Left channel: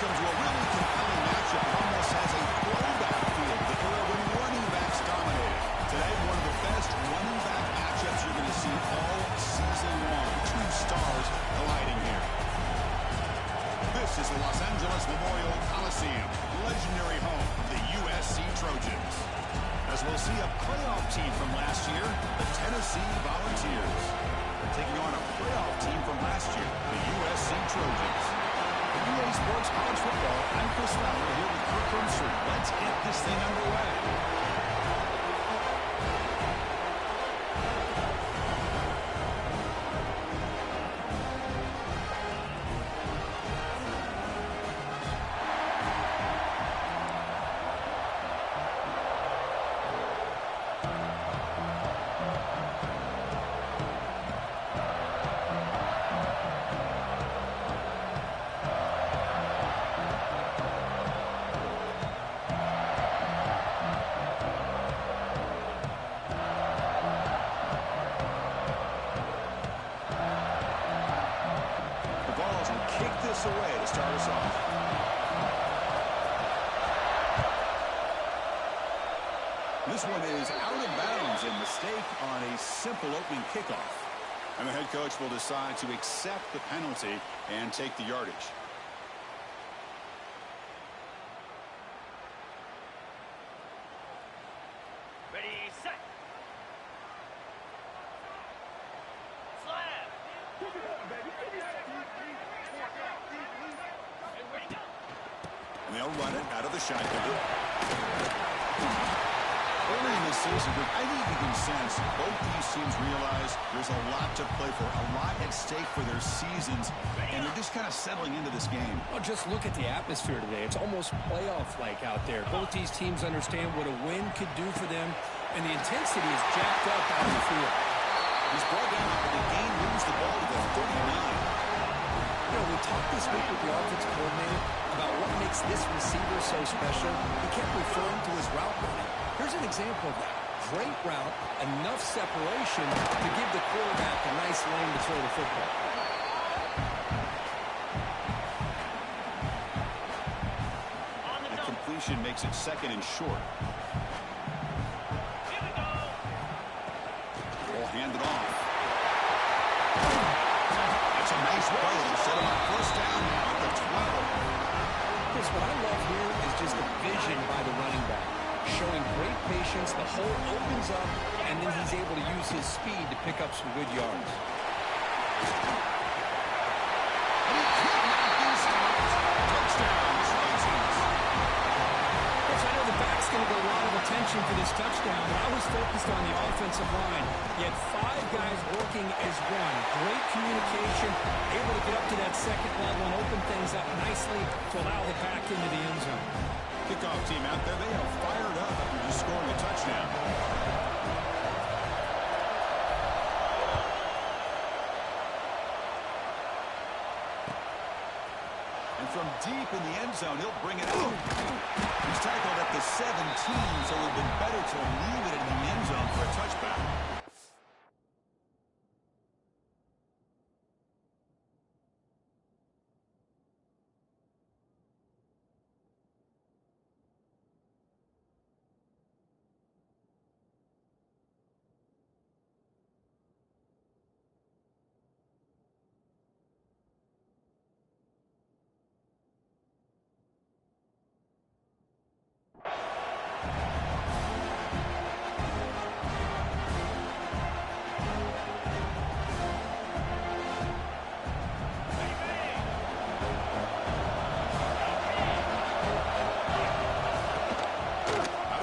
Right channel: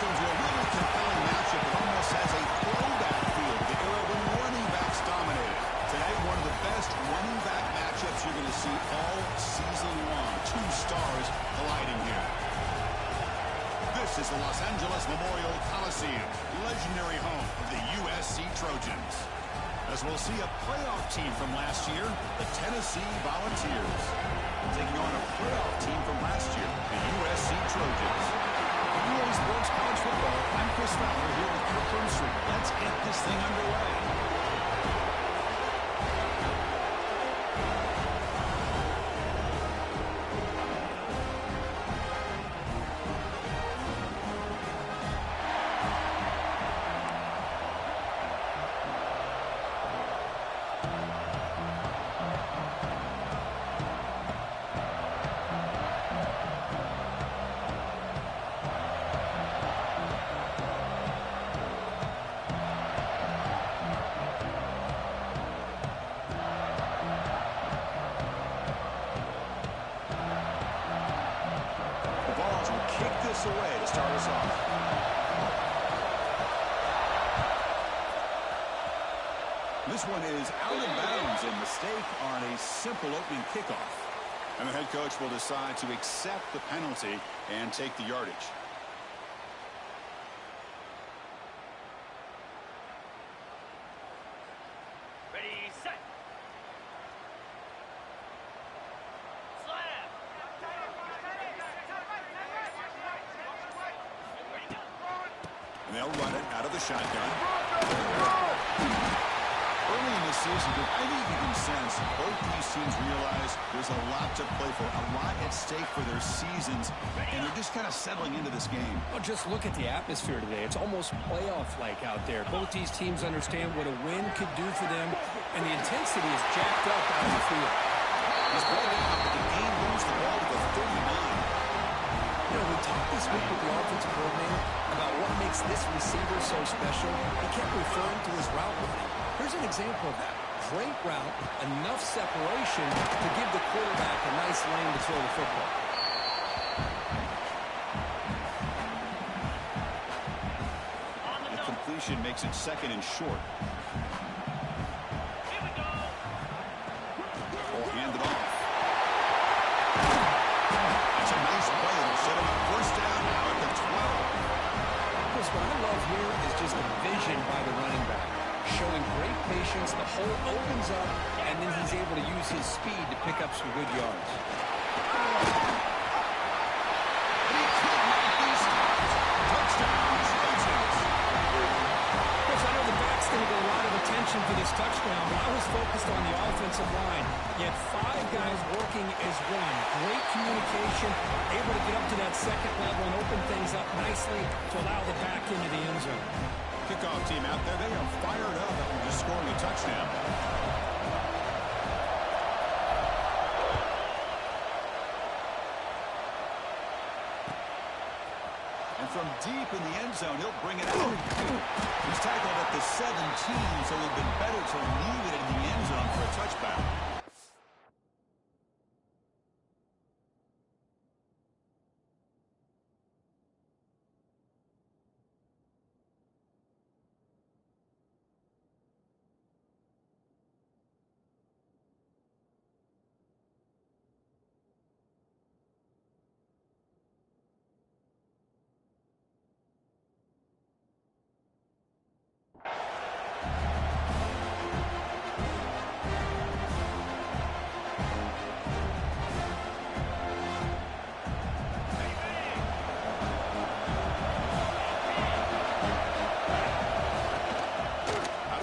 Welcome to a really compelling matchup. It almost has a throwback feel to the era when running backs dominated. Today, one of the best running back matchups you're going to see all season long. Two stars colliding here. This is the Los Angeles Memorial Coliseum, legendary home of the USC Trojans. As we'll see a playoff team from last year, the Tennessee Volunteers, taking on a playoff team from last year, the USC Trojans. EA Sports College Football, I'm Chris Fowler here with Kirk Hermstreet. Let's get this thing underway. Kick this away to start us off. This one is out of bounds, a mistake on a simple opening kickoff. And the head coach will decide to accept the penalty and take the yardage. Ready, set. And they'll run it out of the shotgun. Early in the season, I think you can sense both these teams realize there's a lot to play for, a lot at stake for their seasons, and they're just kind of settling into this game. Well, just look at the atmosphere today. It's almost playoff-like out there. Both these teams understand what a win could do for them, and the intensity is jacked up out in the field. He's brought down, but the game moves the ball to the 39. You know, we talked this week with the offensive coordinator about what makes this receiver so special. He kept referring to his route running. Here's an example of that. Great route, enough separation to give the quarterback a nice lane to throw the football. The completion makes it second and short. Here we go. Ball handed off. That's a nice play. It'll set him up first down now at the 12. Chris, what I love here is just the vision by the running back. Showing great patience, the hole opens up, and then he's able to use his speed to pick up some good yards. And he could not be stopped. Touchdown, Trojans. Chris, I know the back's going to get a lot of attention for this touchdown, but I was focused on the offensive line. You had five guys working as one. Great communication, able to get up to that second level and open things up nicely to allow the back into the end zone. Kickoff team out there, they are fired up after just scoring a touchdown. And from deep in the end zone, he'll bring it out. He's tackled at the 17, so it would have been better to leave it in the end zone for a touchback.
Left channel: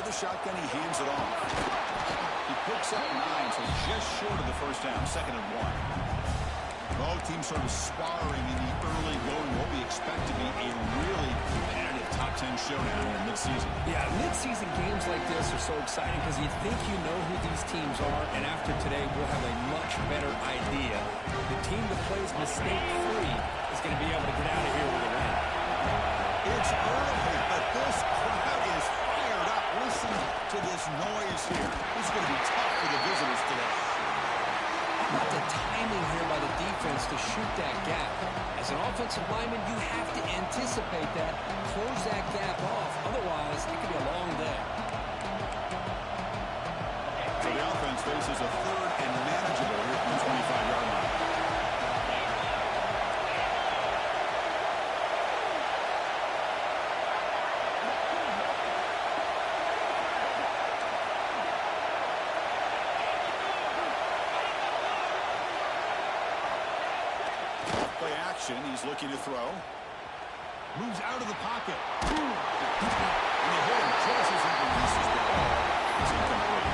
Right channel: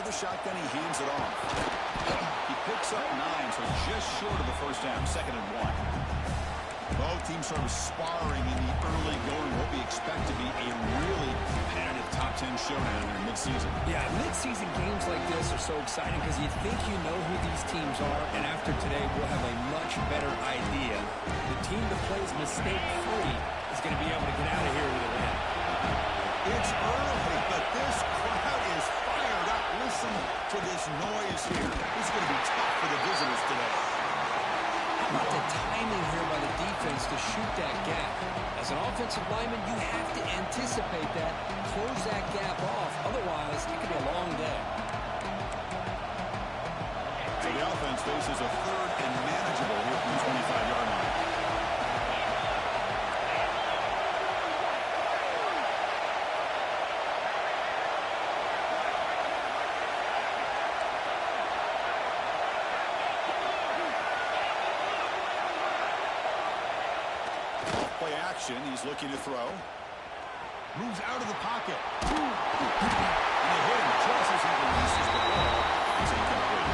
Shotgun, he hands it off. He picks up 9, so just short of the first down, 2nd and 1. Both teams sort of sparring in the early going, what we expect to be a really competitive top 10 showdown here mid-season. Yeah, mid-season games like this are so exciting because you think you know who these teams are, and after today we'll have a much better idea. The team that plays mistake-free is going to be able to get out of here with a win. It's early, but this crowd is fired up. Listen to this noise here. It's going to be tough for the visitors today. How about the timing here by the defense to shoot that gap? As an offensive lineman, you have to anticipate that, close that gap off. Otherwise, it could be a long day. So the offense faces a third and manageable here from the 25-yard line. Play action. He's looking to throw. Moves out of the pocket. And they hit him just as he releases the ball. It's incomplete.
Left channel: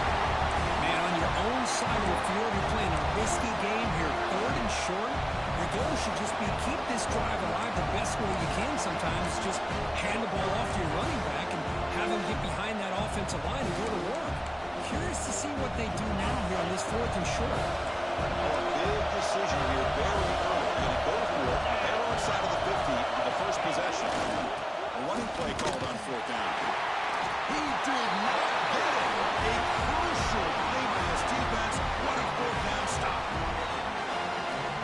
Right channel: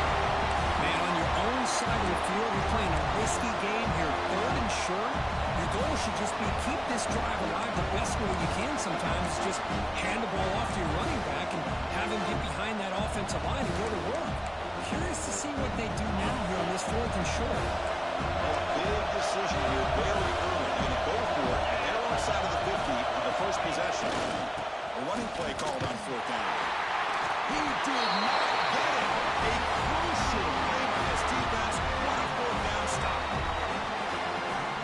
Man, on your own side of the field, you're playing a risky game here. Third and short. Your goal should just be keep this drive alive the best way you can sometimes. Just hand the ball off to your running back and have him get behind that offensive line and go to work. Curious to see what they do now here on this 4th and short. Oh, a big decision here very early. They're going to go for it. They're on side of the 50 on the first possession. A running play called on 4th down. He did not get it. A crucial play by his defense. What a 4th down stop.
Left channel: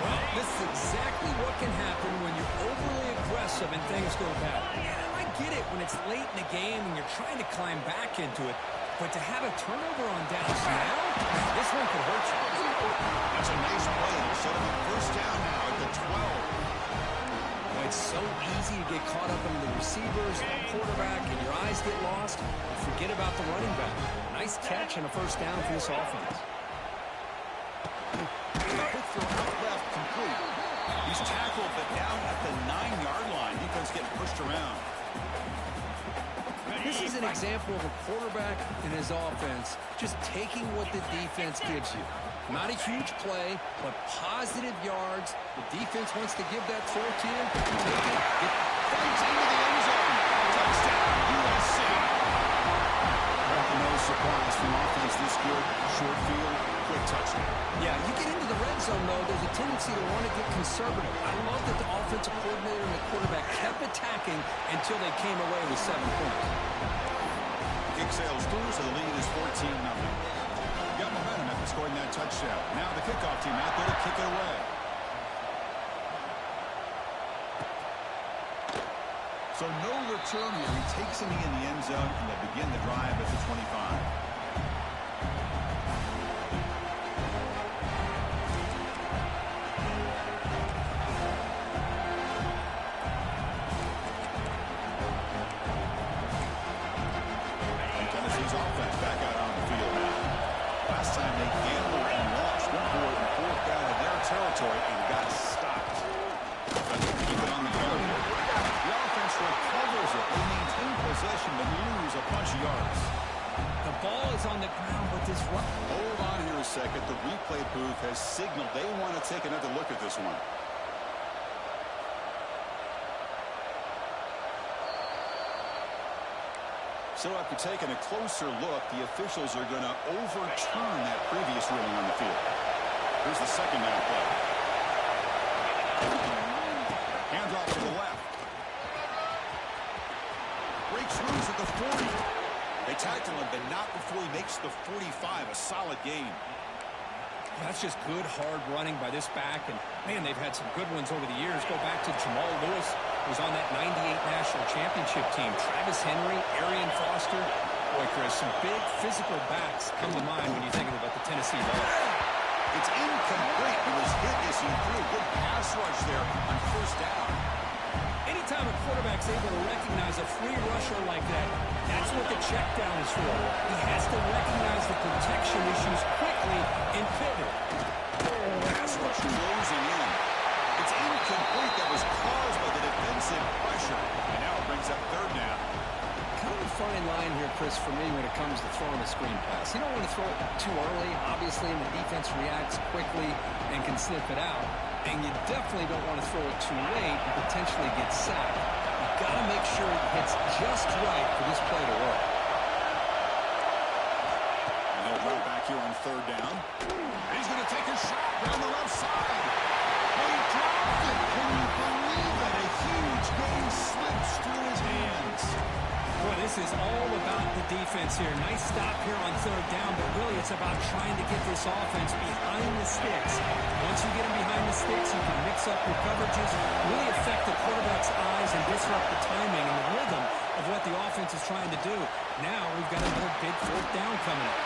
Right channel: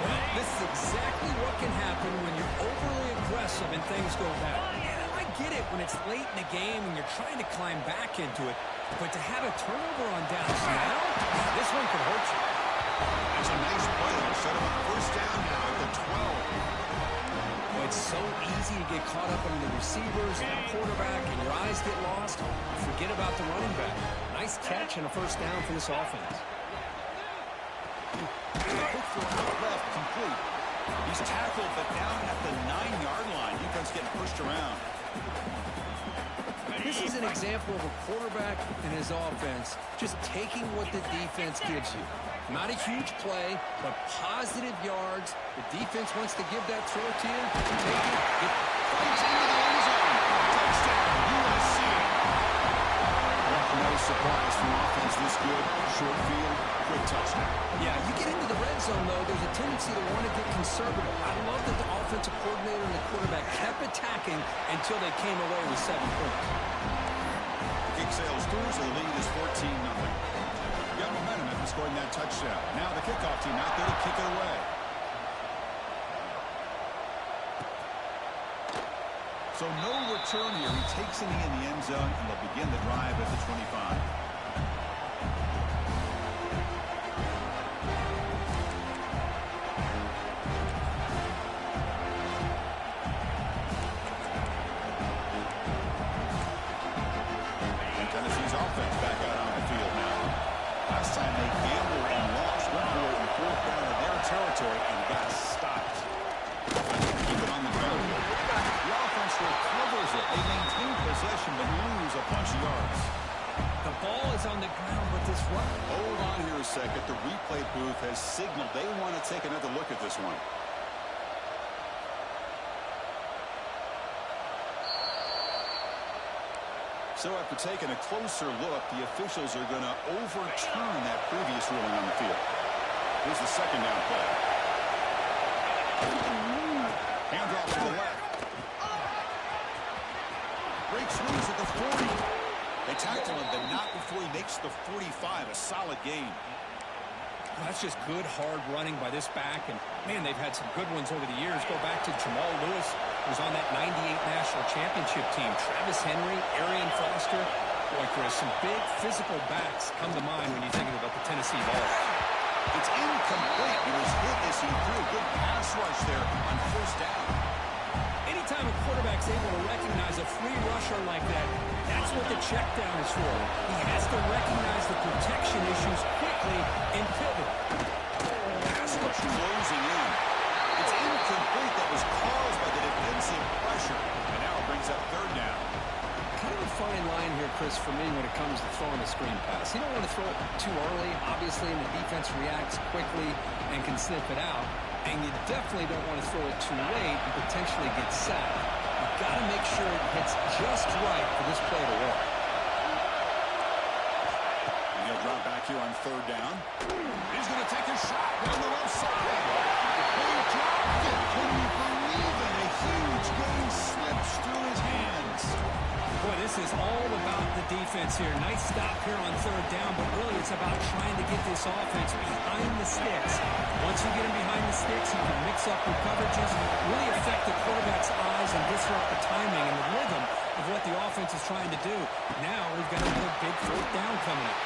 Well, this is exactly what can happen when you're overly aggressive and things go bad. I get it when it's late in the game and you're trying to climb back into it. But to have a turnover on downs now, this one could hurt you. That's a nice play. They'll set him up 1st down now at the 12. Well, it's so easy to get caught up in the receivers and the quarterback, and your eyes get lost. You forget about the running back. Nice catch and a 1st down for this offense. Quick throw out left, complete. He's tackled, but down at the 9-yard line. Defense getting pushed around. This is an example of a quarterback and his offense just taking what the defense gives you. Not a huge play, but positive yards. The defense wants to give that throw to you. Take it. Get Fights into the end zone. Touchdown, USC. No surprise from offense this good. Short field, quick touchdown. Yeah, you get into the red zone, though, there's a tendency to want to get conservative. I love that the offensive coordinator and the quarterback kept attacking until they came away with 7 points. Kick sails through, so the lead is 14-0. Got momentum after scoring that touchdown. Now the kickoff team out there to kick it away. So no return here. He takes a knee in the end zone, and they'll begin the drive at the 25. And Tennessee's offense back out on the field now. Last time they gambled and lost. Went for it in 4th down in their territory and got stopped. Keep it on the ground here. The offense recovers it. They maintain possession but lose a bunch of yards. The ball is on the ground, but this run. Hold on here a second. The replay booth has signaled they want to take another look at this one. So after taking a closer look, the officials are going to overturn that previous ruling on the field. Here's the 2nd down play. Handoff to the left. Breaks loose at the 40. They tackle him, but not before he makes the 45. A solid gain. That's just good, hard running by this back. And, man, they've had some good ones over the years. Go back to Jamal Lewis, who was on that 98 National Championship team. Travis Henry, Arian Foster. Boy, Chris, some big physical backs come to mind when you think about the Tennessee ball. It's incomplete. He was hit as he threw a good pass rush there on 1st down. Anytime a quarterback's able to recognize a free rusher like that, that's what the check down is for. He has to recognize the protection issues quickly and pivot. Pass rush closing in. It's incomplete. That was caused by the defensive pressure. And now it brings up 3rd down. Kind of a fine line here, Chris, for me when it comes to throwing a screen pass. You don't want to throw it too early, obviously, and the defense reacts quickly and can sniff it out. And you definitely don't want to throw it too late and potentially get sacked. You've got to make sure it hits just right for this play to work. And he'll drop back here on 3rd down. He's going to take a shot down the left side. He dropped it. Can you believe it? A huge gain slips through his hands. Boy, this this is all about the defense here. Nice stop here on third down, but really it's about trying to get this offense behind the sticks. Once you get them behind the sticks, you can mix up your coverages, really affect the quarterback's eyes and disrupt the timing and the rhythm of what the offense is trying to do. Now we've got another big fourth down coming up.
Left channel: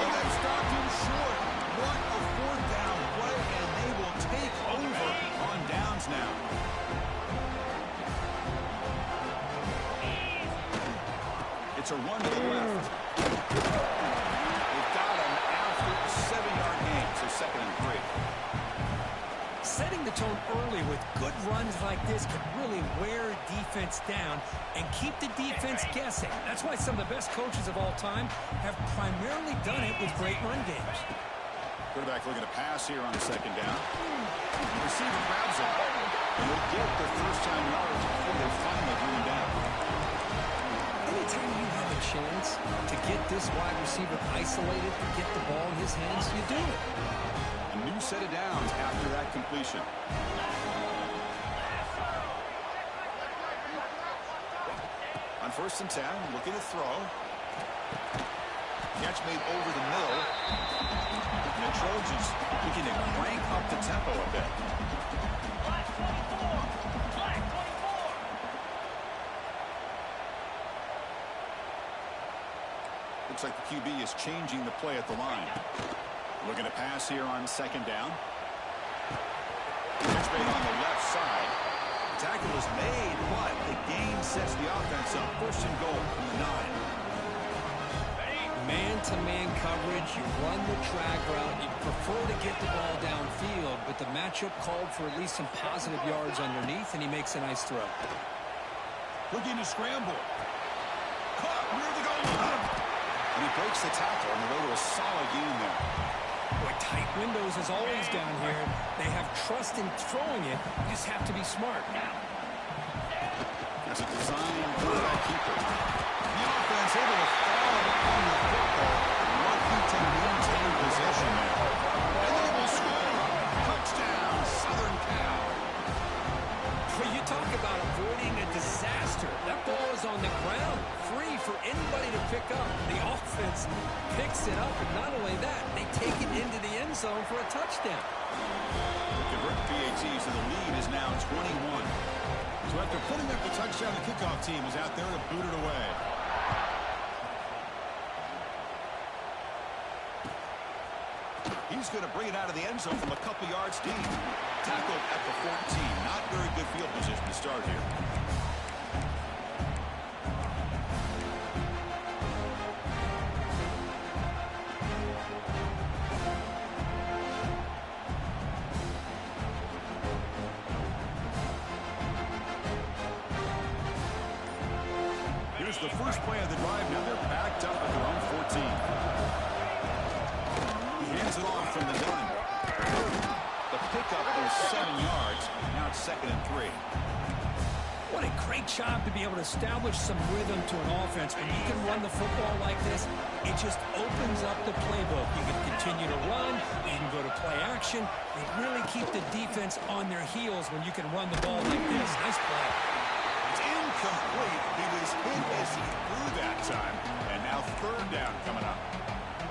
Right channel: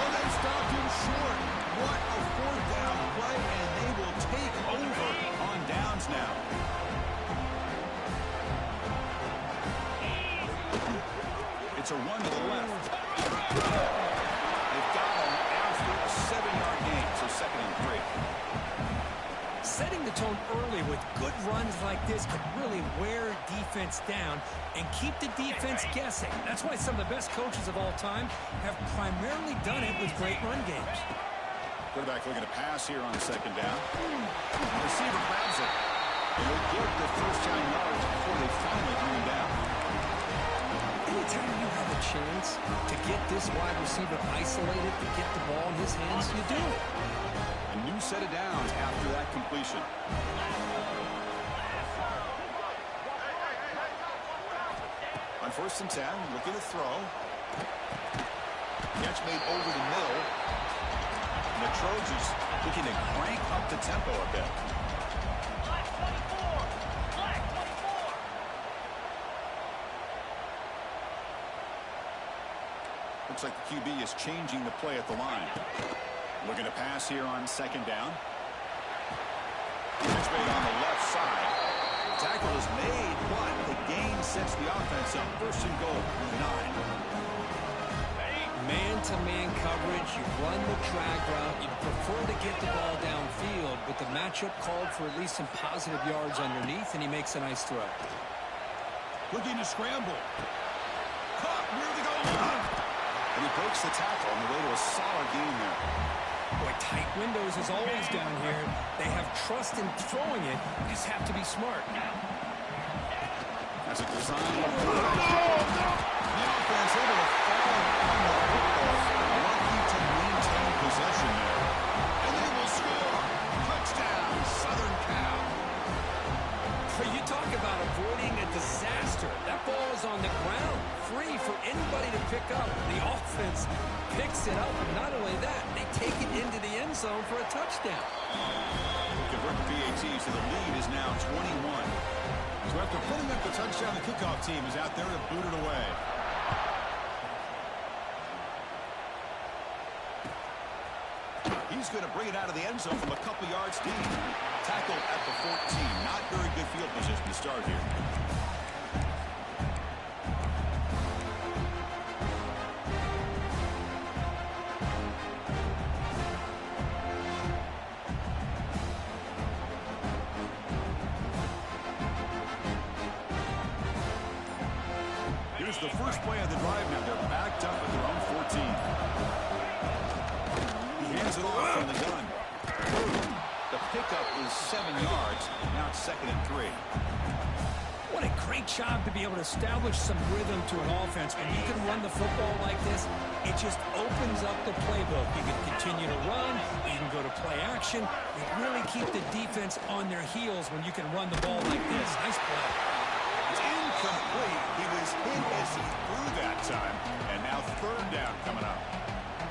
Oh, they stopped him short. What a fourth down play, and they will take over on downs now. It's a run to the left. They've got him after a 7-yard gain, so 2nd and 3. Setting the tone early with good runs like this can really wear defense down and keep the defense guessing. That's why some of the best coaches of all time have primarily done it with great run games. Quarterback looking to pass here on 2nd down. Receiver grabs it. And he'll get the first down yards before they finally bring him down. Anytime you have a chance to get this wide receiver isolated, to get the ball in his hands, you do it. A new set of downs after that completion. On 1st and 10, looking to throw. Catch made over the middle. And the Trojans looking to crank up the tempo a bit. Black 24. Black 24. Looks like the QB is changing the play at the line. Looking to pass here on 2nd down. Catch made on the left side. The tackle is made, but the gain sets the offense up. 1st and goal from the 9. Man-to-man coverage, you run the drag route, you'd prefer to get the ball downfield, but the matchup called for at least some positive yards underneath, and he makes a nice throw. Looking to scramble. Caught near the goal line. And he breaks the tackle on the way to a solid gain there. Boy, tight windows as always down here. They have trust in throwing it. You just have to be smart. That's a design quarterback keeper. The offense able to fall on the football. Lucky to maintain possession there. And they will score. Touchdown, Southern Cal. But you talk about avoiding a disaster. That ball is on the ground, free for anybody to pick up. The offense picks it up, and not only that, they take it into the end zone for a touchdown. They convert the PAT, so the lead is now 21. So after putting up the touchdown, the kickoff team is out there to boot it away. He's going to bring it out of the end zone from a couple yards deep. Tackled at the 14. Not very good field position to start here. Here's the first play of the drive now. They're backed up at their own 14. He hands it off from the gun. The pickup is 7 yards. Now it's 2nd and 3. What a great job to be able to establish some rhythm to an offense. When you can run the football like this, it just opens up the playbook. You can continue to run. You can go to play action. You really keep the defense on their heels when you can run the ball like this. Nice play. It's incomplete. He was hit as he threw that time. And now 3rd down coming up.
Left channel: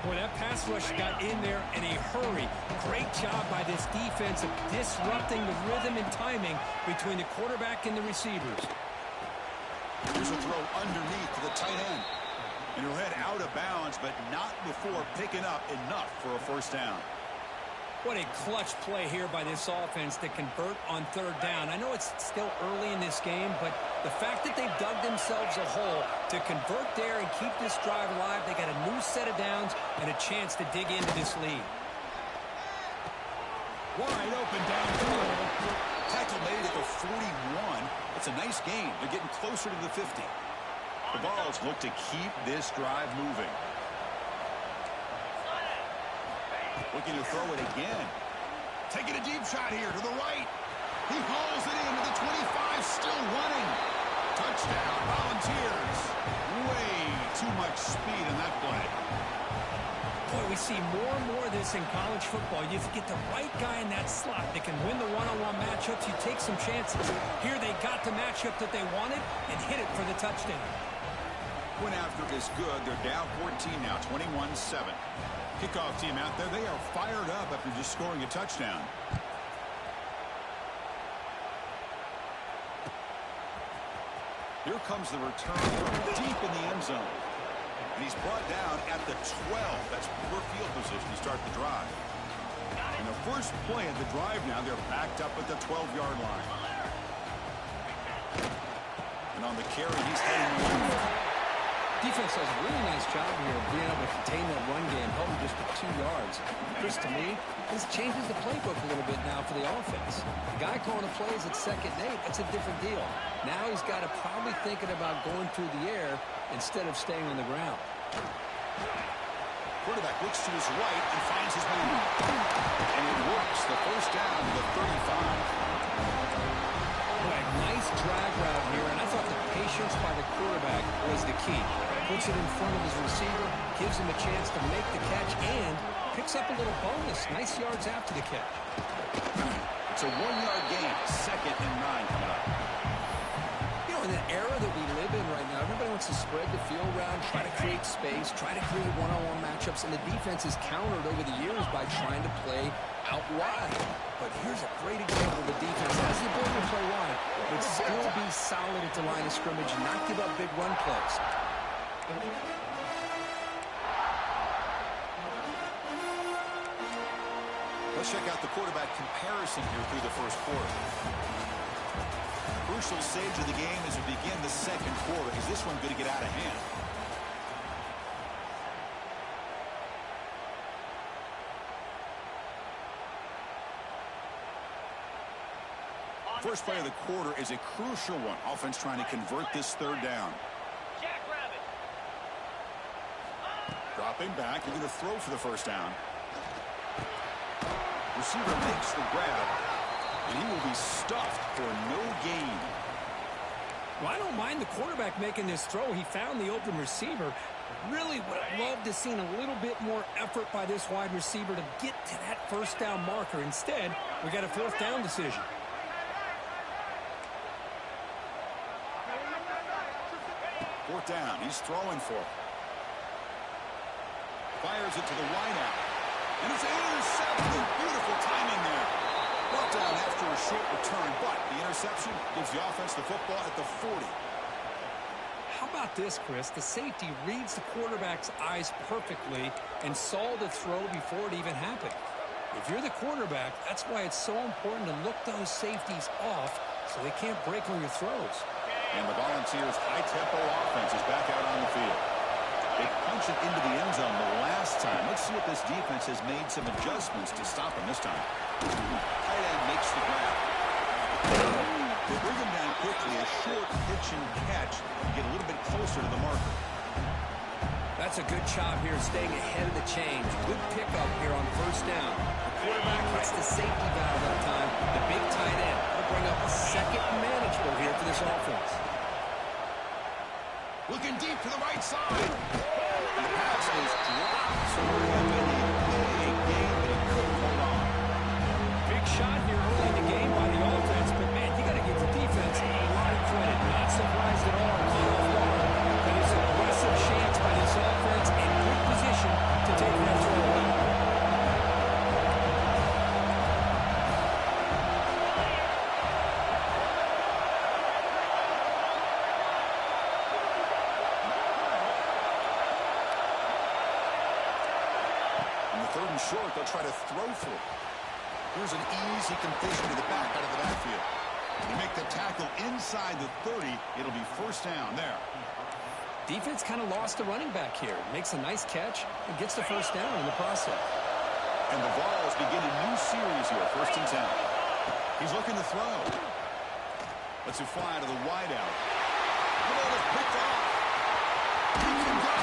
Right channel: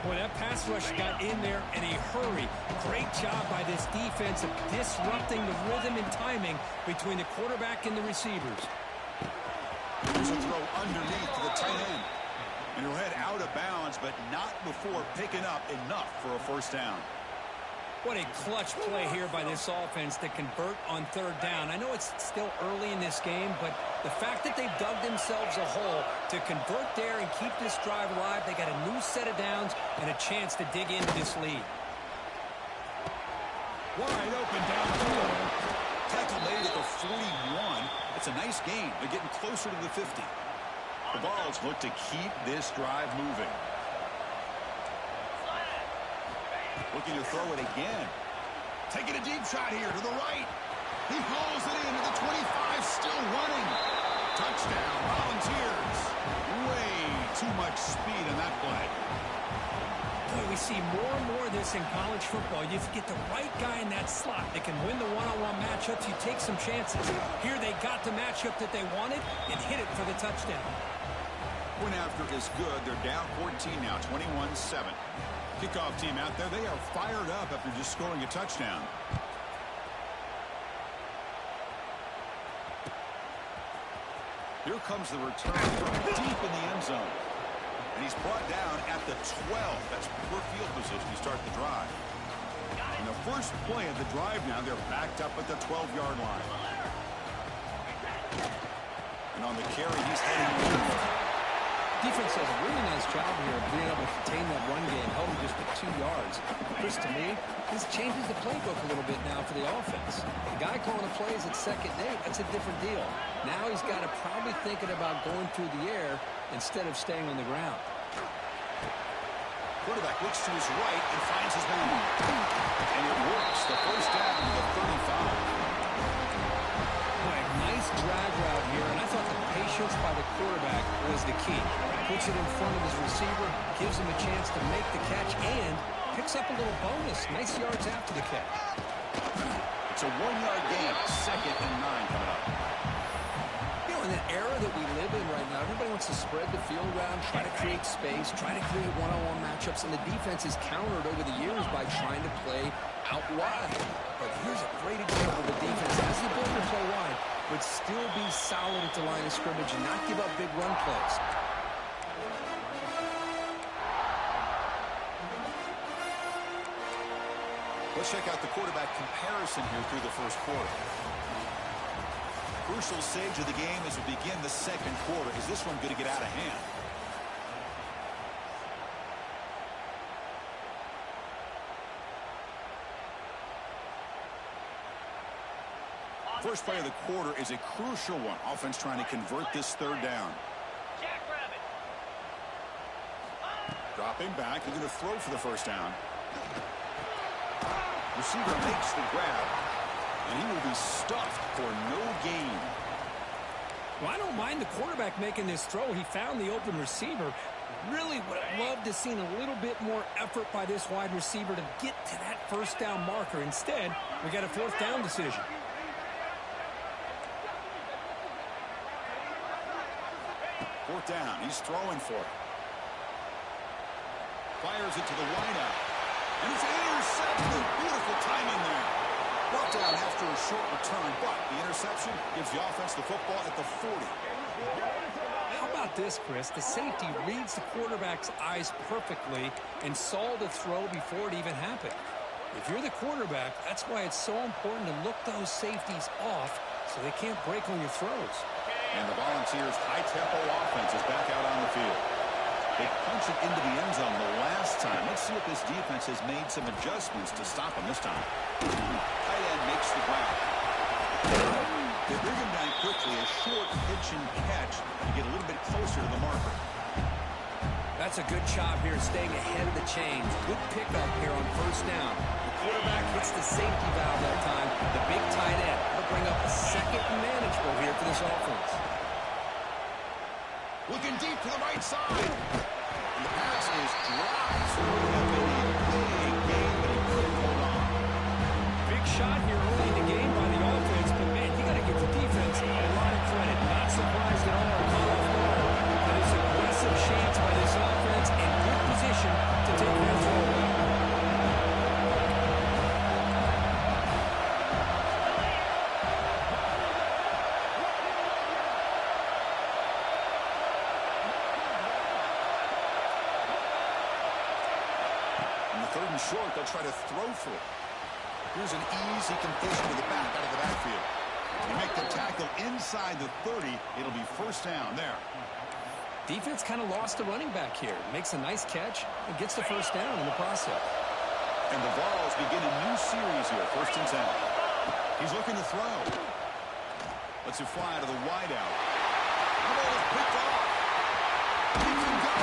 Boy, that pass rush got in there in a hurry. Great job by this defense of disrupting the rhythm and timing between the quarterback and the receivers. Here's a throw underneath to the tight end. And he'll head out of bounds, but not before picking up enough for a 1st down. What a clutch play here by this offense to convert on 3rd down. I know it's still early in this game, but the fact that they've dug themselves a hole to convert there and keep this drive alive, they got a new set of downs and a chance to dig into this lead. Wide open downfield. Tackle made at the 41. It's a nice gain. They're getting closer to the 50. The Vols look to keep this drive moving. Looking to throw it again. Taking a deep shot here to the right. He hauls it into the 25, still running. Touchdown, Volunteers. Way too much speed in that play. Boy, we see more and more of this in college football. You get the right guy in that slot that can win the one-on-one matchups. You take some chances. Here they got the matchup that they wanted and hit it for the touchdown. Point after is good. They're down 14 now, 21-7. Kickoff team out there. They are fired up after just scoring a touchdown. Here comes the return from deep in the end zone. And he's brought down at the 12. That's poor field position to start the drive. And the first play of the drive now, they're backed up at the 12-yard line. And on the carry, he's heading left. Defense does a really nice job here of being able to contain that run game, held him just to 2 yards. Chris, to me, this changes the playbook a little bit now for the offense. The guy calling the plays at 2nd and 8, that's a different deal. Now he's got to probably thinking about going through the air instead of staying on the ground. Quarterback looks to his right and finds his man. And it works. The first down to the 35. Boy, nice drag route here, and I thought the patience by the quarterback was the key. Puts it in front of his receiver, gives him a chance to make the catch, and picks up a little bonus. Nice yards after the catch. It's a 1-yard gain. 2nd and 9 coming up. You know, in the era that we live in right now, everybody wants to spread the field around, try to create space, try to create one-on-one matchups, and the defense is countered over the years by trying to play out wide. But here's a great example of the defense has the ability to play wide, but still be solid at the line of scrimmage and not give up big run plays. Let's check out the quarterback comparison here through the first quarter. Crucial stage of the game as we begin the second quarter. Is this one going to get out of hand? First play of the quarter is a crucial one. Offense trying to convert this 3rd down. Jackrabbit. Dropping back. They're going to throw for the first down. Receiver makes the grab, and he will be stuffed for no gain. Well, I don't mind the quarterback making this throw. He found the open receiver. Really would have loved to have seen a little bit more effort by this wide receiver to get to that first down marker. Instead, we got a 4th down decision. Fourth down. He's throwing for it. Fires it to the wideout. And it's intercepted. Beautiful timing there. Brought down after a short return, but the interception gives the offense the football at the 40. How about this, Chris? The safety reads the quarterback's eyes perfectly and saw the throw before it even happened. If you're the quarterback, that's why it's so important to look those safeties off so they can't break on your throws. And the Volunteers' high-tempo offense is back out on the field. They punched it into the end zone the last time. Let's see if this defense has made some adjustments to stop him this time. Tight end makes the grab. They bring him down quickly. A short pitch and catch to get a little bit closer to the marker. That's a good job here staying ahead of the chains. Good pickup here on first down. The quarterback hits the safety valve that time. The big tight end. That'll bring up a 2nd and manageable here for this offense. Looking deep to the right side. And the pass is dropped. So it would have been a big game, but he couldn't hold on. Big shot here early in the game by the offense, but man, you got to give the defense a lot of credit. Not surprised at all, caught off guard. But it's an aggressive chance by this offense in good position to take that throw away. Third and short, they'll try to throw for it. Here's an easy completion to the back out of the backfield. You make the tackle inside the 30, it'll be first down there. Defense kind of lost the running back here. Makes a nice catch and gets the first down in the process. And the Vols begin a new series here, 1st and 10. He's looking to throw. Lets it fly out of the wideout. The ball is picked off. He can go.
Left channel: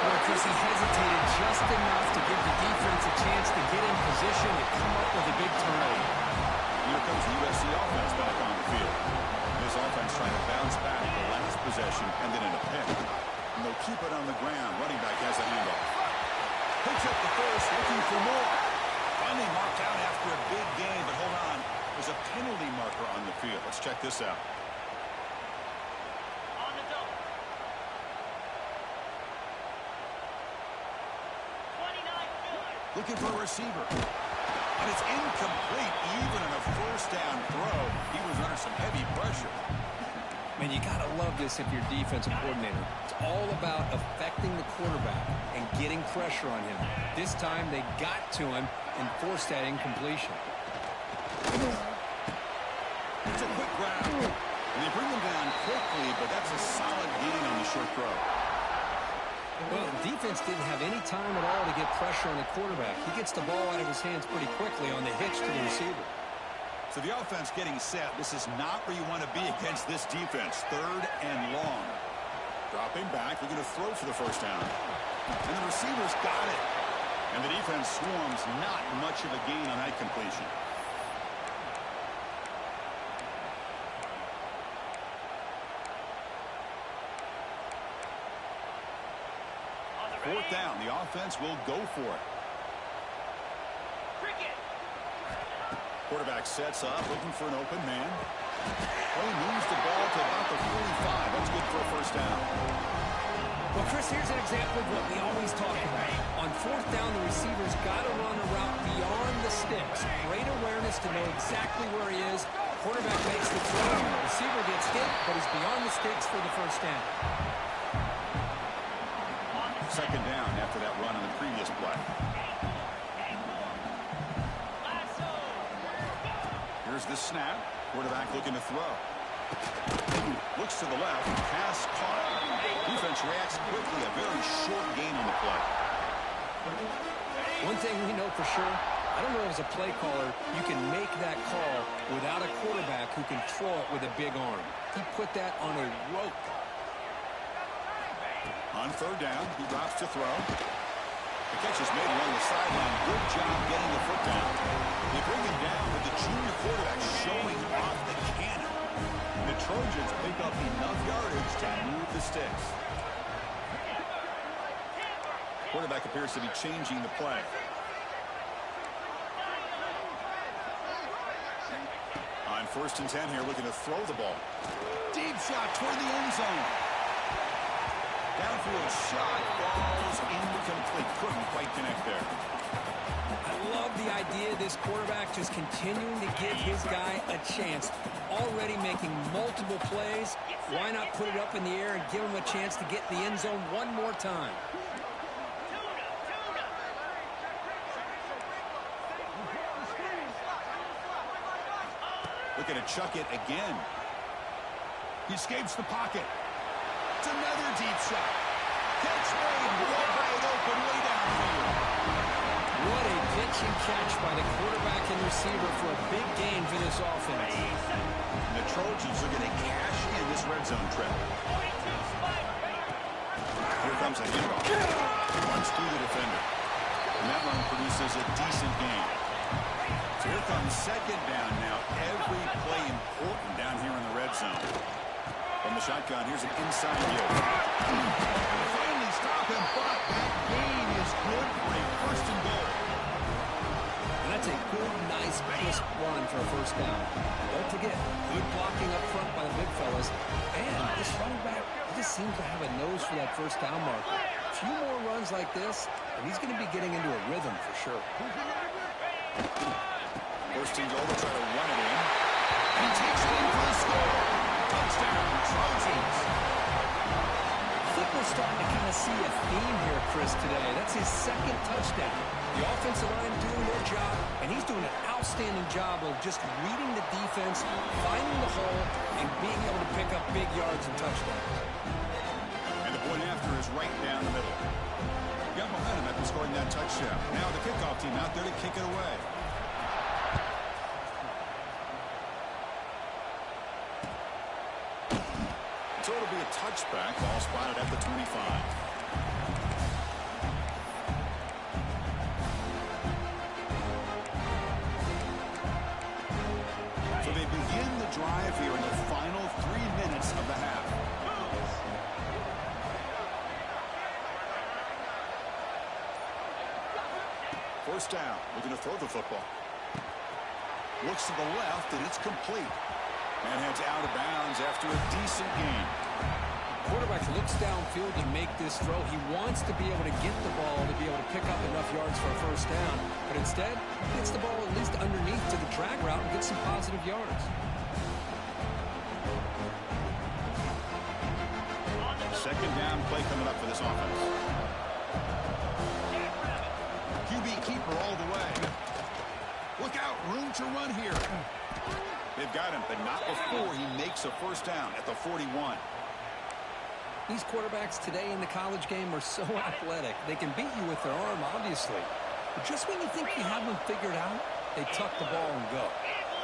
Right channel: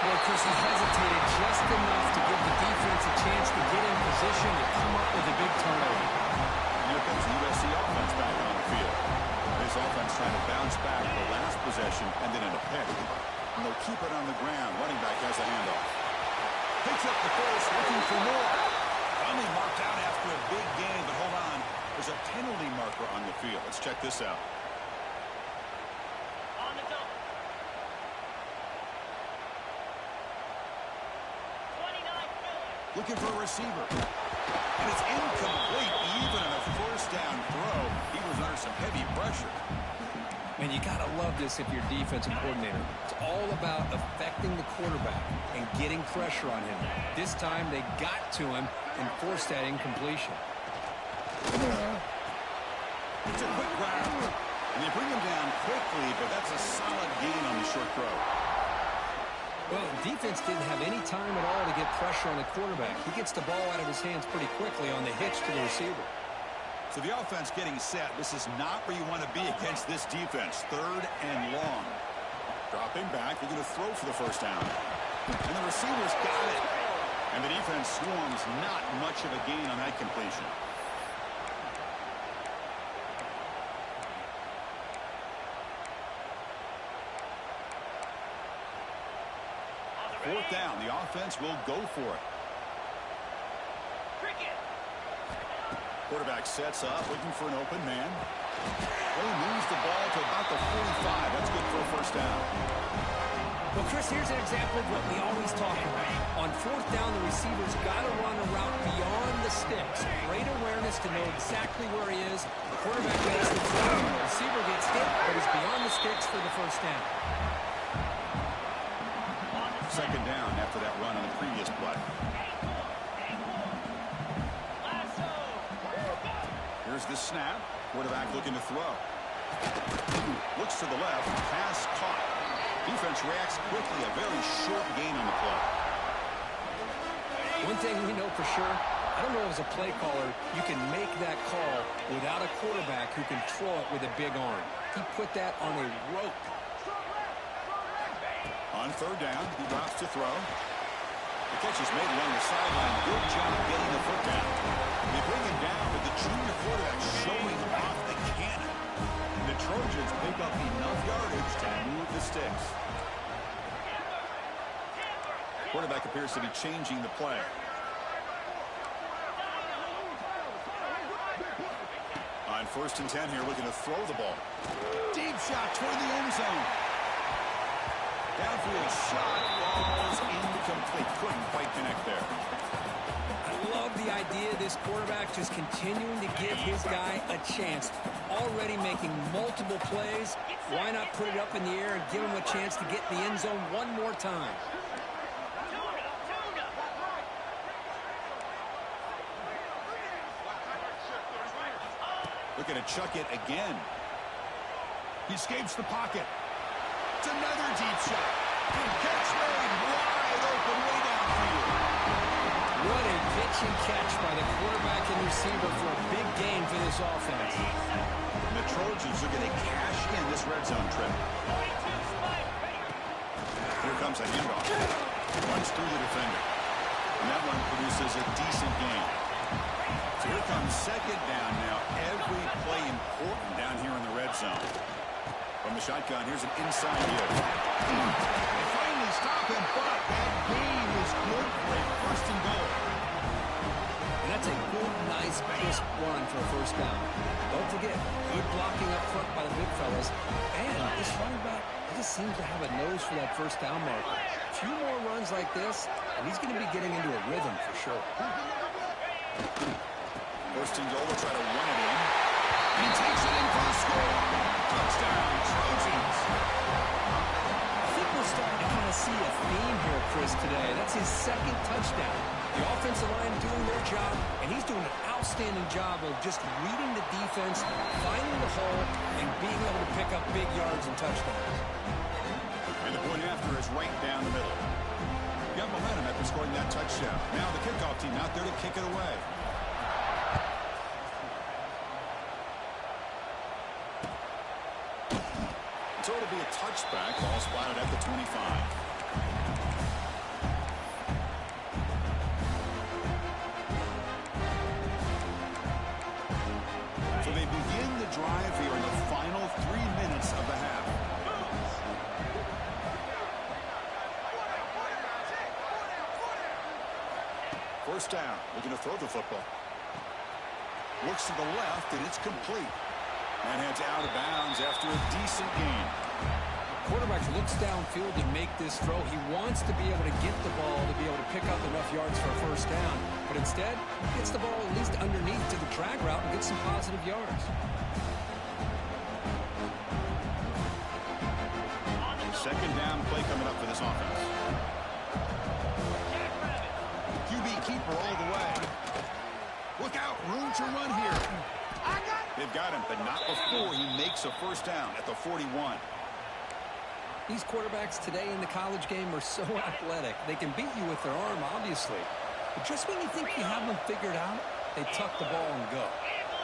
Boy, Chris, he hesitated just enough to give the defense a chance to get in position and come up with a big turnover. Here comes the USC offense back on the field. This offense trying to bounce back the last possession and then in a pick. And they'll keep it on the ground. Running back has the handoff. Picks up the first, looking for more. Finally marked out after a big game, but hold on. There's a penalty marker on the field. Let's check this out. On the double. Looking for a receiver. And it's incomplete. Even on a first down throw, he was under some heavy pressure. Man, you got to love this if you're defensive coordinator. It's all about affecting the quarterback and getting pressure on him. This time they got to him and forced that incompletion. It's a quick grab. And they bring him down quickly, but that's a solid gain on the short throw. Well, defense didn't have any time at all to get pressure on the quarterback. He gets the ball out of his hands pretty quickly on the hitch to the receiver. So the offense getting set. This is not where you want to be against this defense. 3rd and long. Dropping back. We're going to throw for the first down. And the receivers got it. And the defense swarms. Not much of a gain on that completion. Fourth down. The offense will go for it. Quarterback sets up, looking for an open man. Well, he moves the ball to about the 45. That's good for a first down. Well, Chris, here's an example of what we always talk about. On fourth down, the receiver's got to run a route beyond the sticks. Great awareness to know exactly where he is. The quarterback makes the throw. The receiver gets hit, but he's beyond the sticks for the first down. Second down after that run on the previous play. Here's the snap. Quarterback looking to throw. Looks to the left. Pass caught. Defense reacts quickly. A very short gain on the play. One thing we know for sure, I don't know as a play caller, you can make that call without a quarterback who can throw it with a big arm. He put that on a rope. On third down, he drops to throw. The catch is made along the sideline. Good job getting the foot down. They bring him down, but the junior quarterback showing off the cannon. The Trojans pick up enough yardage to move the sticks. Quarterback appears to be changing the play. On 1st and 10 here, looking to throw the ball. Deep shot toward the end zone. Downfield shot falls incomplete. Couldn't quite connect there. I love the idea of this quarterback just continuing to give his guy a chance. Already making multiple plays. Why not put it up in the air and give him a chance to get in the end zone one more time? Looking to chuck it again. He escapes the pocket. It's another deep shot. Catch made wide open way downfield. What a pitch and catch by the quarterback and receiver for a big gain for this offense. And the Trojans are going to cash in this red zone trip. Here comes a handoff. Runs through the defender. And that one produces a decent gain. So here comes second down now. Every play important down here in the red zone. From the shotgun, here's an inside view. They finally stop him, but that gain is good for a 1st and goal. And that's a good, nice, crisp run for a first down. Don't forget, good blocking up front by the big fellas. And this running back, he just seems to have a nose for that first down marker. A few more runs like this, and he's going to be getting into a rhythm for sure. 1st and goal, they'll try to run it in. And he takes it in for the score. Touchdown, Trojans. I think we're starting to kind of see a theme here, Chris, today. That's his 2nd touchdown. The offensive line doing their job, and he's doing an outstanding job of just reading the defense, finding the hole, and being able to pick up big yards and touchdowns. And the point after is right down the middle. Got momentum after scoring that touchdown. Now the kickoff team out there to kick it away. So it'll be a touchback. Ball spotted at the 25. So they begin the drive here in the final 3 minutes of the half. First down. Looking to throw the football. Looks to the left, and it's complete. And heads out of bounds after a decent gain. quarterback looks downfield to make this throw. He wants to be able to get the ball to be able to pick up enough yards for a first down. But instead, he gets the ball at least underneath to the drag route and gets some positive yards. Second down play coming up for this offense. QB keeper all the way. Look out, room to run here. They've got him, but not before he makes a first down at the 41. These quarterbacks today in the college game are so athletic. They can beat you with their arm, obviously. But just when you think you have them figured out, they tuck the ball and go.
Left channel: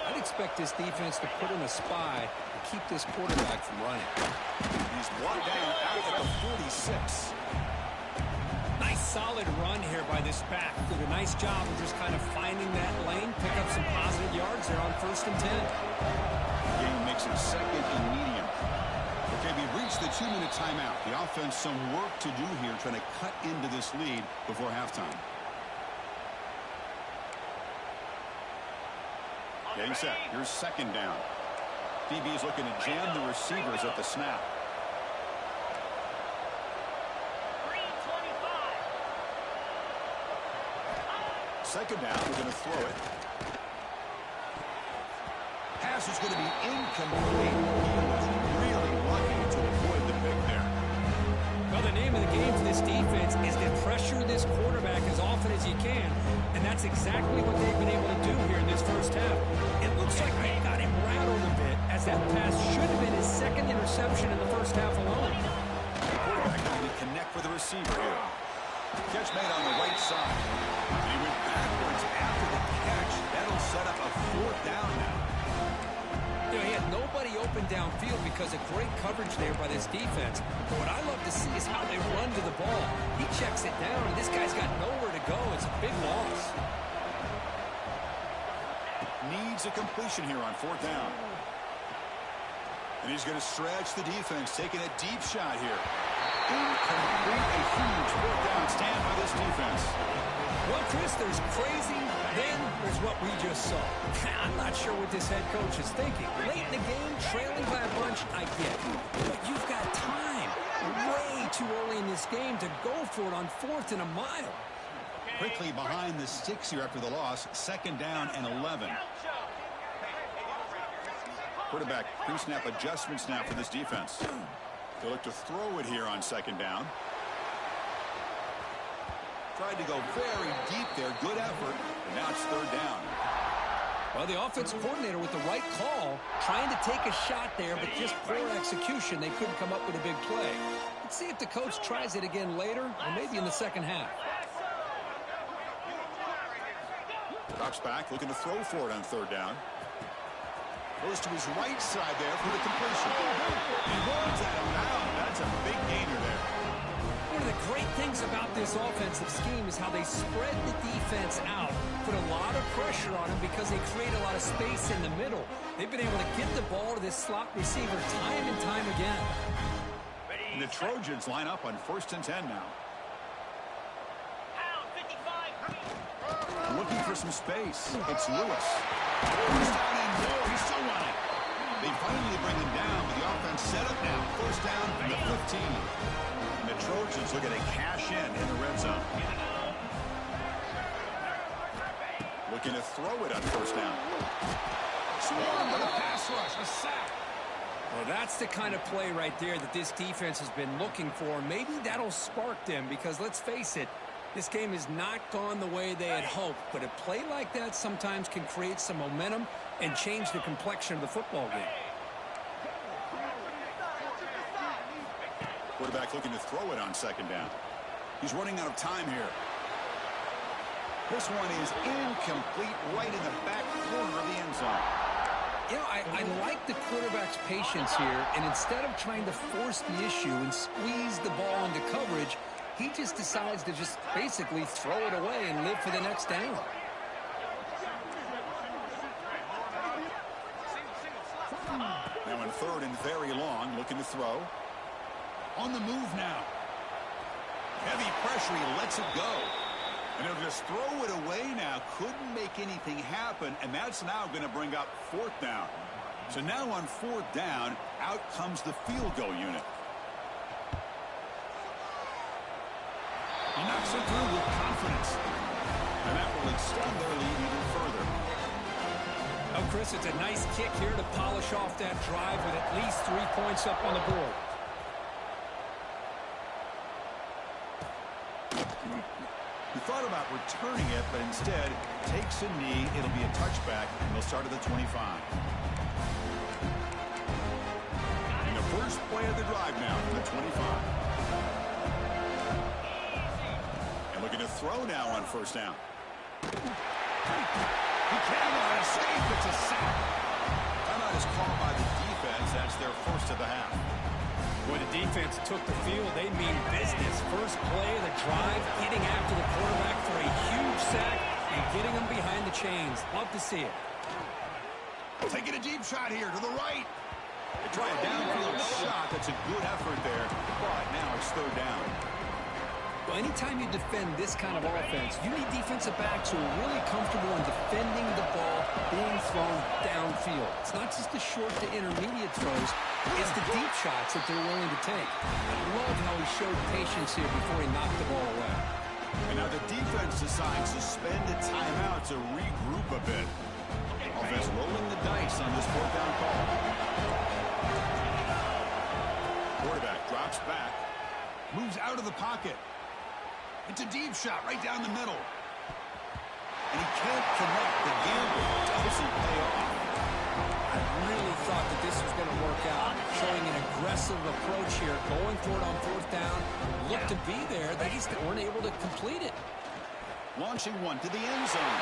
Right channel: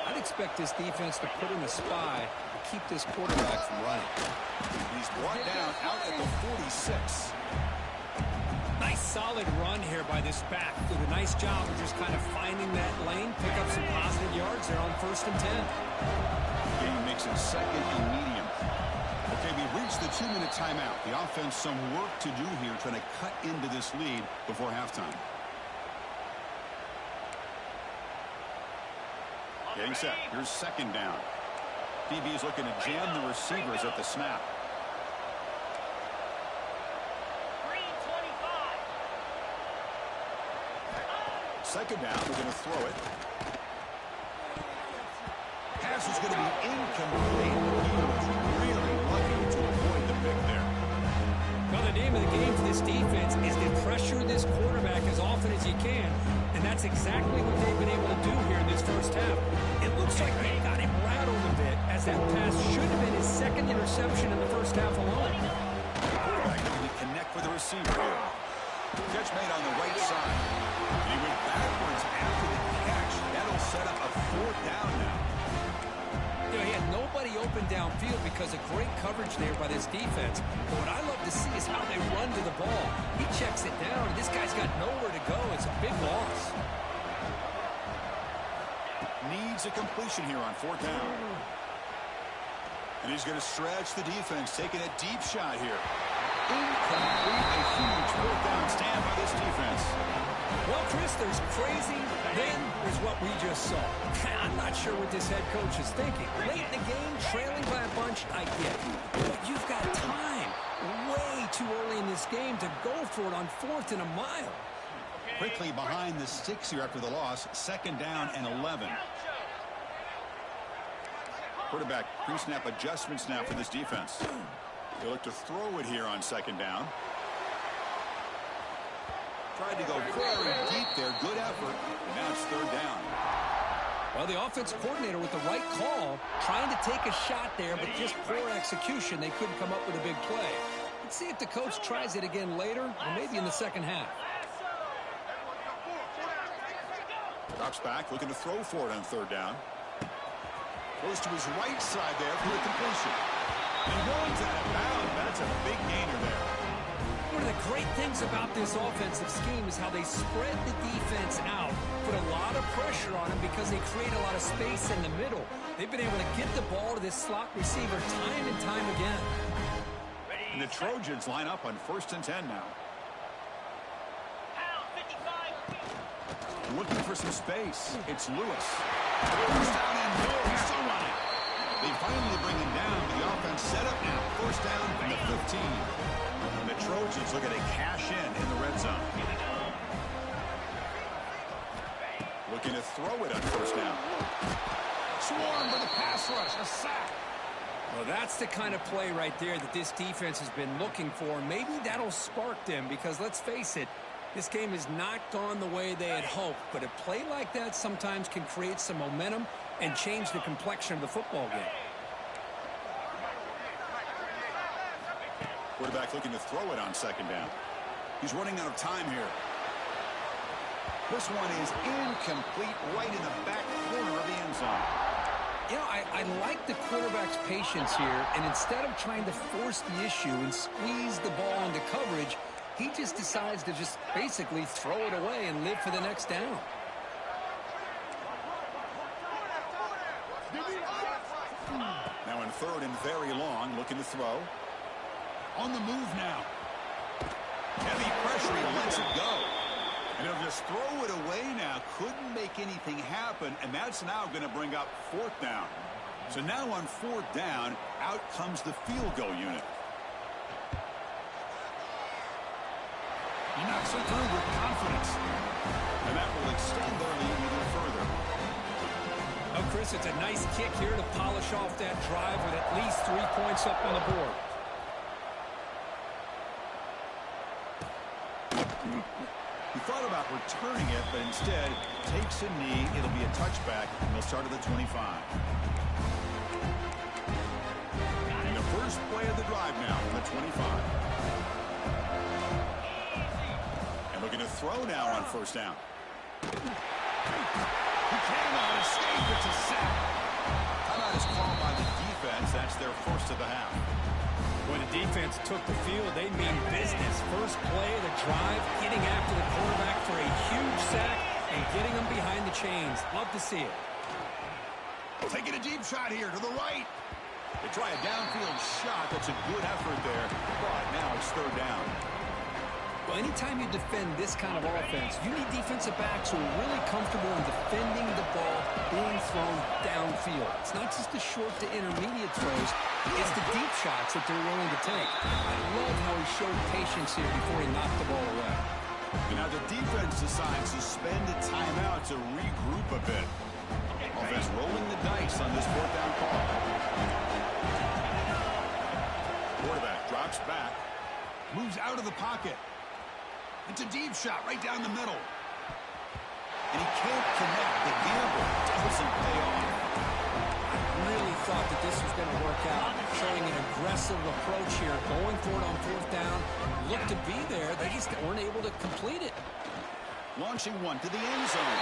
I'd expect this defense to put in a spy and keep this quarterback from running. He's brought down out at the 46. Nice solid run here by this back. Did a nice job of just kind of finding that lane, pick up some positive yards there on 1st and 10. Game makes it second and medium. Okay, we've reached the 2-minute timeout. The offense some work to do here, trying to cut into this lead before halftime. Getting set. Here's second down. DB is looking to jam the receivers at the snap. Second down, we're going to throw it. Pass is going to be incomplete. He was really lucky to avoid the pick there. Well, the name of the game for this defense is to pressure this quarterback as often as you can, and that's exactly what they've been able to do here in this first half. It looks like they got him rattled a bit, as that pass should have been his second interception in the first half alone. The quarterback needed to connect with the receiver here. Catch made on the right side. And he went backwards after the catch. That'll set up a 4th down now. You know, he had nobody open downfield because of great coverage there by this defense. But what I love to see is how they run to the ball. He checks it down, and this guy's got nowhere to go. It's a big loss. Needs a completion here on 4th down. And he's going to stretch the defense, taking a deep shot here. Incomplete, a huge 4th down stand by this defense. Well, Chris, there's crazy, then there's what we just saw. I'm not sure what this head coach is thinking. Late in the game, trailing by a bunch, I get it. But you've got time, way too early in this game to go for it on 4th and a mile. Quickly behind the sticks here after the loss, 2nd down and 11. Quarterback pre-snap adjustments now for this defense. They look to throw it here on 2nd down. Tried to go very deep there. Good effort. But now it's 3rd down. Well, the offensive coordinator with the right call, trying to take a shot there, but just poor execution. They couldn't come up with a big play. Let's see if the coach tries it again later, or maybe in the second half. Drops back, looking to throw for it on 3rd down. Goes to his right side there for the completion. He runs out of bounds. That's a big gainer there. One of the great things about this offensive scheme is how they spread the defense out, put a lot of pressure on them because they create a lot of space in the middle. They've been able to get the ball to this slot receiver time and time again. And the Trojans line up on 1st and 10 now. Looking for some space. It's Lewis. First down and more. He's still running. They finally bring him down, but the offense set up now. 1st down from the 15. And the Trojans looking to cash in the red zone. Looking to throw it on 1st down. Swarmed by the pass rush. A sack. Well, that's the kind of play right there that this defense has been looking for. Maybe that'll spark them because, let's face it, this game has not gone the way they had hoped. But a play like that sometimes can create some momentum and change the complexion of the football game. Quarterback looking to throw it on 2nd down. He's running out of time here. This one is incomplete, right in the back corner of the end zone. You know, I like the quarterback's patience here, and instead of trying to force the issue and squeeze the ball into coverage, he just decides to just basically throw it away and live for the next down. Now in 3rd and very long, looking to throw. On the move now. Heavy pressure, he lets it go. And he'll just throw it away now. Couldn't make anything happen, and that's now going to bring up 4th down. So now on 4th down, out comes the field goal unit. He knocks it through with confidence. And that will extend their lead even further. Oh, Chris, it's a nice kick here to polish off that drive with at least 3 points up on the board. He thought about returning it, but instead takes a knee. It'll be a touchback, and they'll start at the 25. And the first play of the drive now from the 25. And looking to throw now on first down. He cannot escape. It's a sack. Timeout is called by the defense. That's their first of the half. When the defense took the field, they mean business. First play of the drive, getting after the quarterback for a huge sack and getting him behind the chains. Love to see it. Taking a deep shot here to the right. They try a downfield shot. That's a good effort there. But now it's third down. Well, anytime you defend this kind of offense, you need defensive backs who are really comfortable in defending the ball being thrown downfield. It's not just the short to intermediate throws. It's the deep shots that they're willing to take. I love how he showed patience here before he knocked the ball away. And now the defense decides to spend a timeout to regroup a bit. Offense rolling the dice on this fourth down call. Quarterback drops back. Moves out of the pocket. It's a deep shot right down the middle. And he can't connect. The gamble doesn't pay off. I really thought that this was going to work out. Showing an aggressive approach here. Going for it on fourth down. Looked to be there. They just weren't able to complete it. Launching one to the end zone.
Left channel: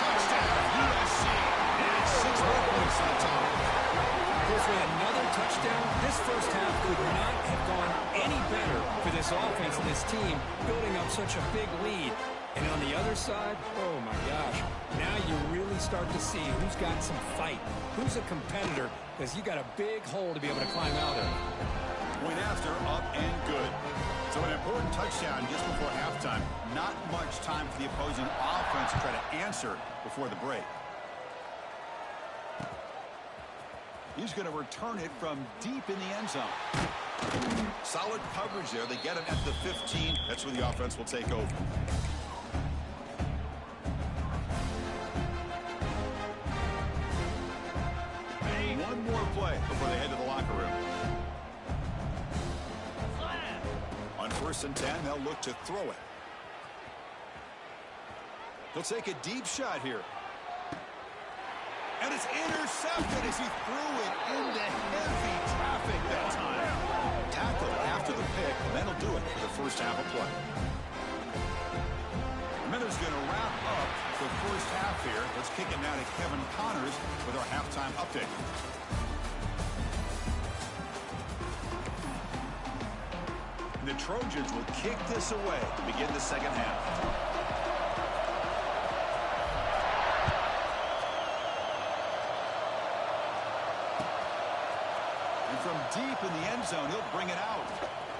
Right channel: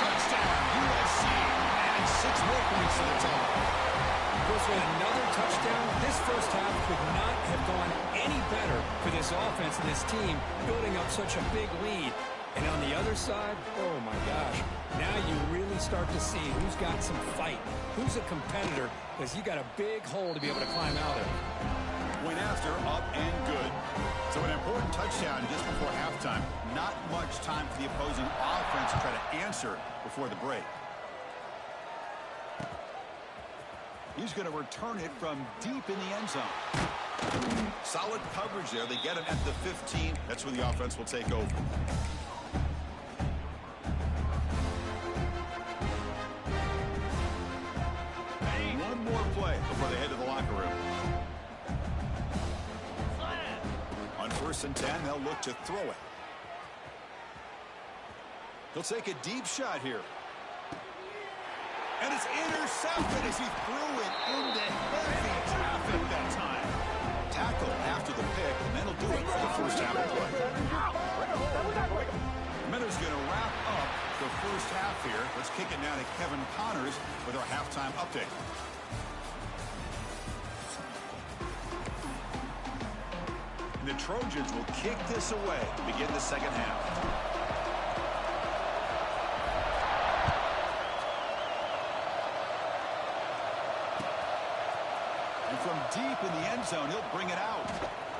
Touchdown, USC. And 6 more points to the total. Of course, with another touchdown, this first half could not have gone any better for this offense and this team, building up such a big lead. And on the other side, oh my gosh, now you really start to see who's got some fight, who's a competitor, because you got a big hole to be able to climb out of. Point after, up and good. So an important touchdown just before halftime. Not much time for the opposing offense to try to answer before the break. He's going to return it from deep in the end zone. Solid coverage there. They get him at the 15. That's where the offense will take over. One more play before they head to the locker room. On 1st and 10, they'll look to throw it. He'll take a deep shot here. And it's intercepted as he threw it into heavy traffic that time. Tackle after the pick, and then he'll do it for the first half of play. Miller's going to wrap up the first half here. Let's kick it now to Kevin Connors with our halftime update. And the Trojans will kick this away to begin the second half. From deep in the end zone, he'll bring it out.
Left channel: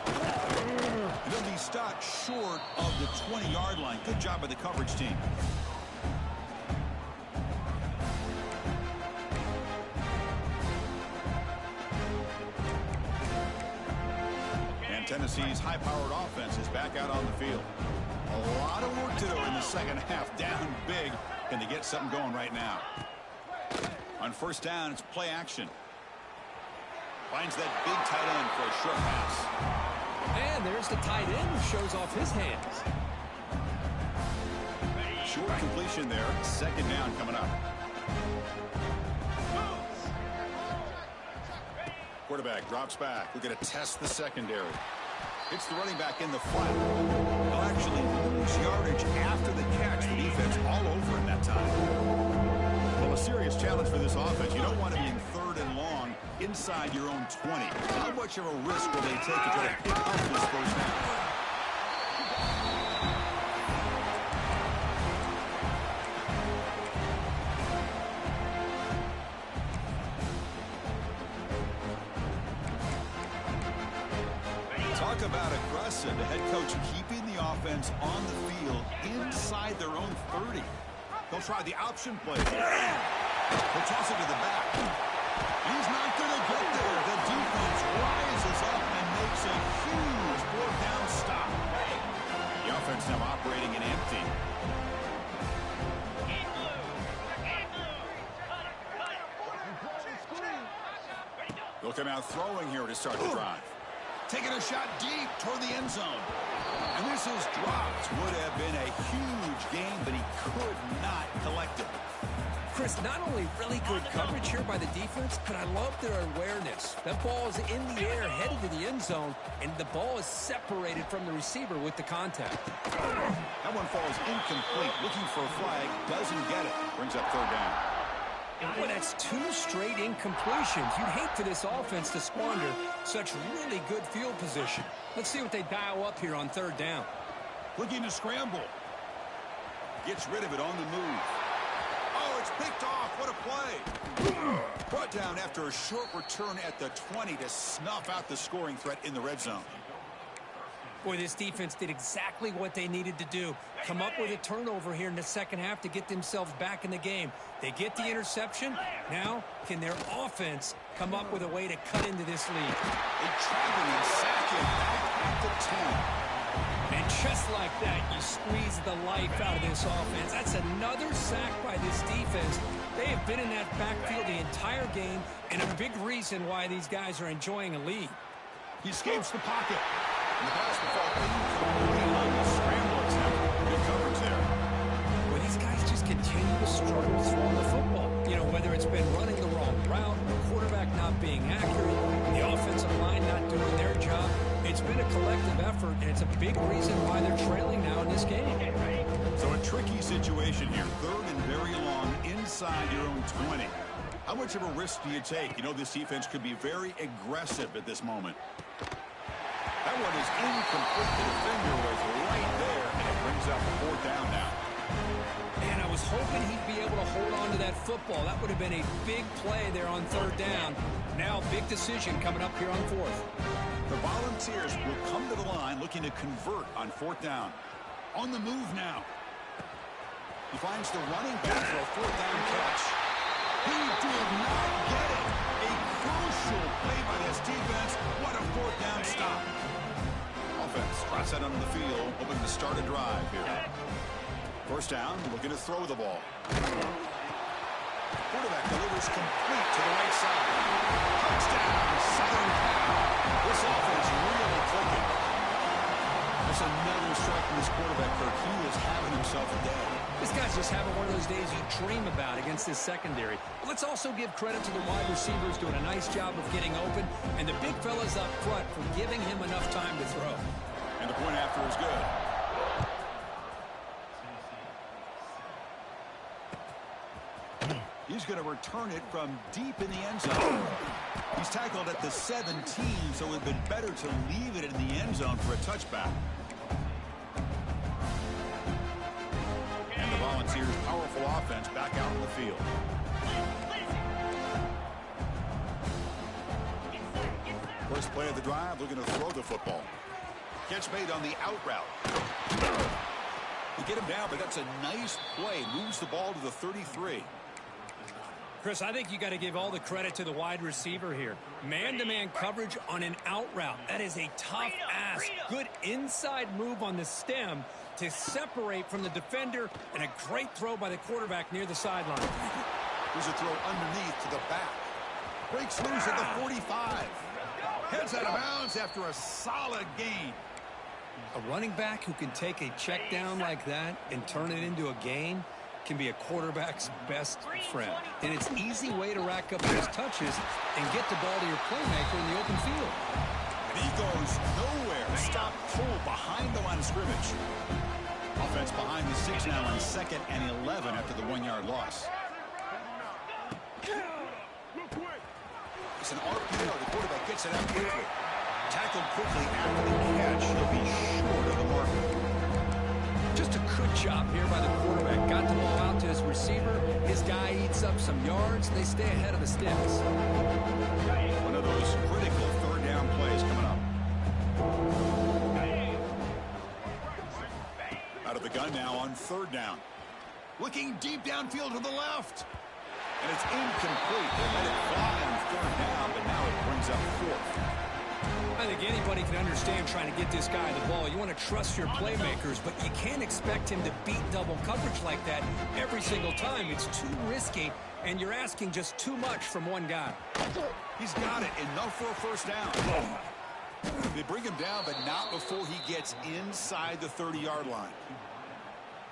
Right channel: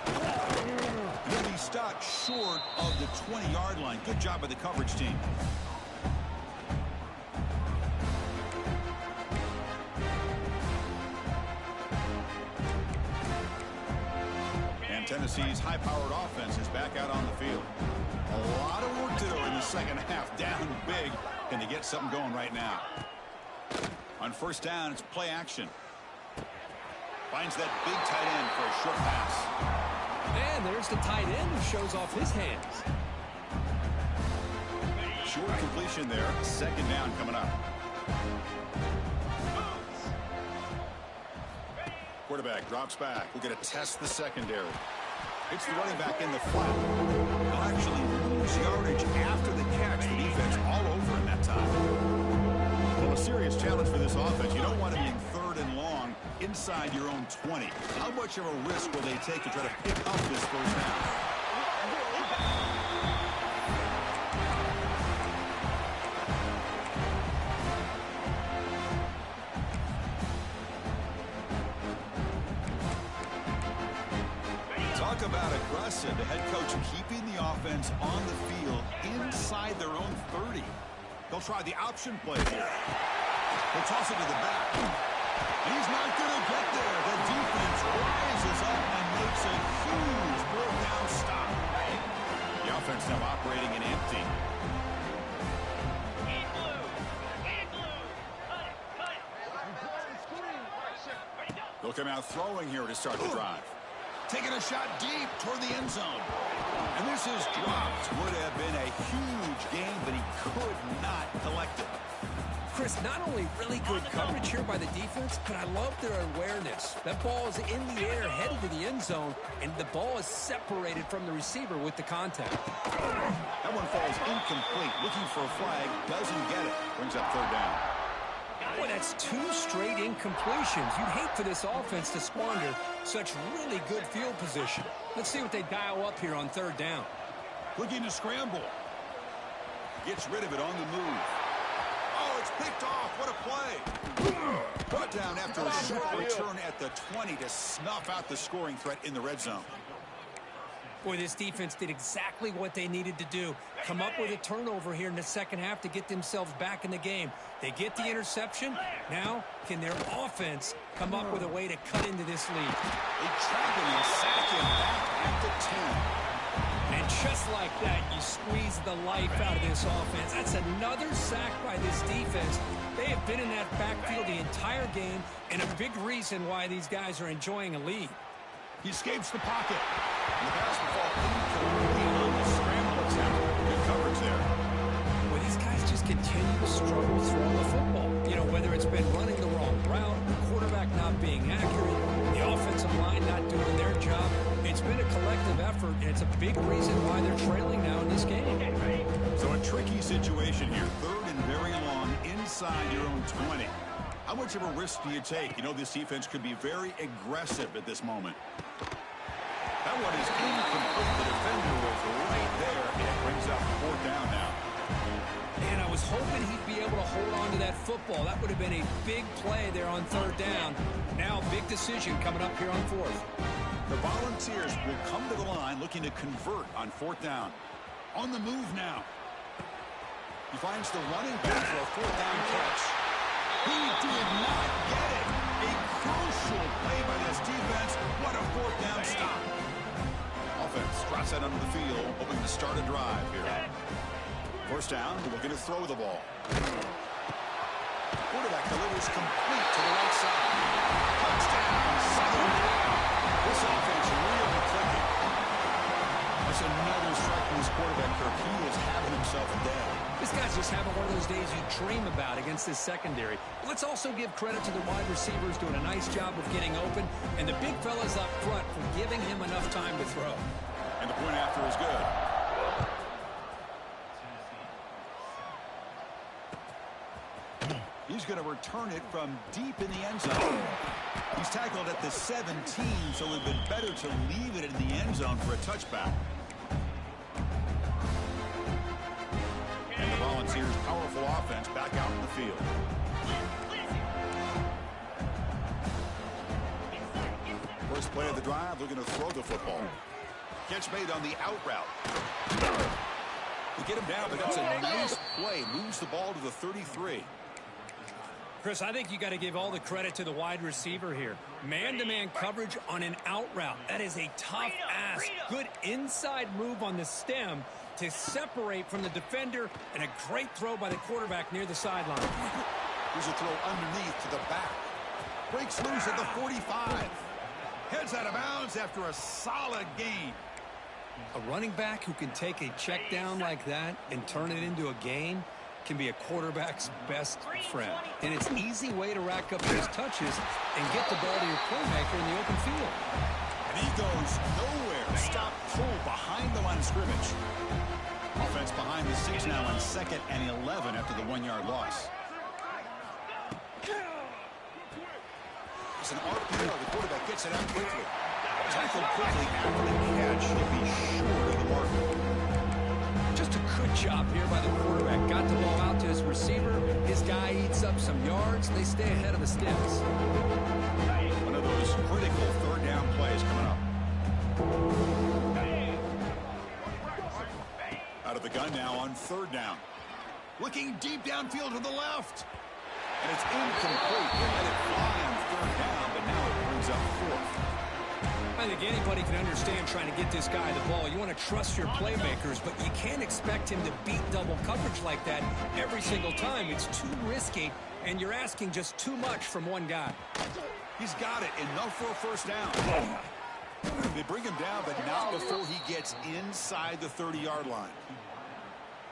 And he'll be stopped short of the 20-yard line. Good job by the coverage team. And Tennessee's high-powered offense is back out on the field. A lot of work to do in the second half. Down big. Can they get something going right now? On first down, it's play action. Finds that big tight end for a short pass. And there's the tight end who shows off his hands. Short completion there. Second down coming up. Quarterback drops back. We're going to test the secondary. It's the running back in the flat. They'll actually lose yardage after the catch. The defense all over in that time. Well, a serious challenge for this offense. You don't want to be in 3rd and long inside your own 20. How much of a risk will they take to try to pick up this first half? Talk about aggressive. The head coach keeping the offense on the field inside their own 30. They'll try the option play here. They'll toss it to the back. And he's not going to get there. The defense rises up and makes a huge 4th down stop. The offense now operating in empty. In blue. In blue. Cut it. Cut it. Ready, go. They'll come out throwing here to start the drive. Taking a shot deep toward the end zone. And this is dropped. Would have been a huge gain, but he could not collect it. Chris, not only really good coverage here by the defense, but I love their awareness. That ball is in the air, headed to the end zone, and the ball is separated from the receiver with the contact. That one falls incomplete. Looking for a flag, doesn't get it. Brings up third down. Boy, that's 2 straight incompletions. You'd hate for this offense to squander such really good field position. Let's see what they dial up here on third down. Looking to scramble. Gets rid of it on the move. Oh, it's picked off. What a play. Brought down after a short return at the 20 to snuff out the scoring threat in the red zone. Boy, this defense did exactly what they needed to do. Come up with a turnover here in the second half to get themselves back in the game. They get the interception. Now, can their offense come up with a way to cut into this lead? They trap him and sack him back at the 10. And just like that, you squeeze the life out of this offense. That's another sack by this defense. They have been in that backfield the entire game, and a big reason why these guys are enjoying a lead. He escapes the pocket. And the pass will fall incomplete on the scramble attempt. Good coverage there. Well, these guys just continue to struggle throwing the football. You know, whether it's been running the wrong route, the quarterback not being accurate, the offensive line not doing their job. It's been a collective effort, and it's a big reason why they're trailing now in this game. So a tricky situation here. Third and very long inside your own 20. How much of a risk do you take? You know, this defense could be very aggressive at this moment. That one is incomplete. The defender was right there, and it brings up fourth down now. And I was hoping he'd be able to hold on to that football. That would have been a big play there on third down. Now, big decision coming up here on fourth. The Volunteers will come to the line looking to convert on fourth down. On the move now. He finds the running back for a fourth down catch. He did not get it. A crucial play by this defense. What a fourth down stop. Offense drops that onto the field, hoping to start a drive here. First down, looking to throw the ball. Quarterback delivers complete to the right side. Touchdown, Southern Cal. This offense really clicking. That's another strike from this quarterback, Kirk. He is having himself a day. This guy's just having one of those days you dream about against this secondary. But let's also give credit to the wide receivers doing a nice job of getting open, and the big fellas up front for giving him enough time to throw. And the point after is good. He's going to return it from deep in the end zone. He's tackled at the 17, so it would have been better to leave it in the end zone for a touchback. And the Volunteers' powerful offense back out in the field. First play of the drive, looking to throw the football. Catch made on the out route. They get him down, but that's a nice play. Moves the ball to the 33. Chris, I think you got to give all the credit to the wide receiver here. Man-to-man coverage on an out route. That is a tough ask. Good inside move on the stem to separate from the defender, and a great throw by the quarterback near the sideline. Here's a throw underneath to the back. Breaks loose at the 45. Heads out of bounds after a solid gain. A running back who can take a check down like that and turn it into a gain can be a quarterback's best friend. And it's an easy way to rack up those touches and get the ball to your playmaker in the open field. And he goes nowhere. Stop pull behind the line of scrimmage. Offense behind the 6 now on 2nd and 11 after the 1-yard loss. It's an RPO. The quarterback gets it out quickly. Tackled quickly after the catch. He'll be short of the marker. Just a good job here by the quarterback. Got the ball out to his receiver. His guy eats up some yards. They stay ahead of the sticks. One of those critical third down plays coming up. Out of the gun now on third down. Looking deep downfield to the left. And it's incomplete. They let it fly on third down, but now it brings up fourth. I think anybody can understand trying to get this guy the ball. You want to trust your playmakers, but you can't expect him to beat double coverage like that every single time. It's too risky, and you're asking just too much from one guy. He's got it. Enough for a first down. They bring him down, but not before he gets inside the 30-yard line.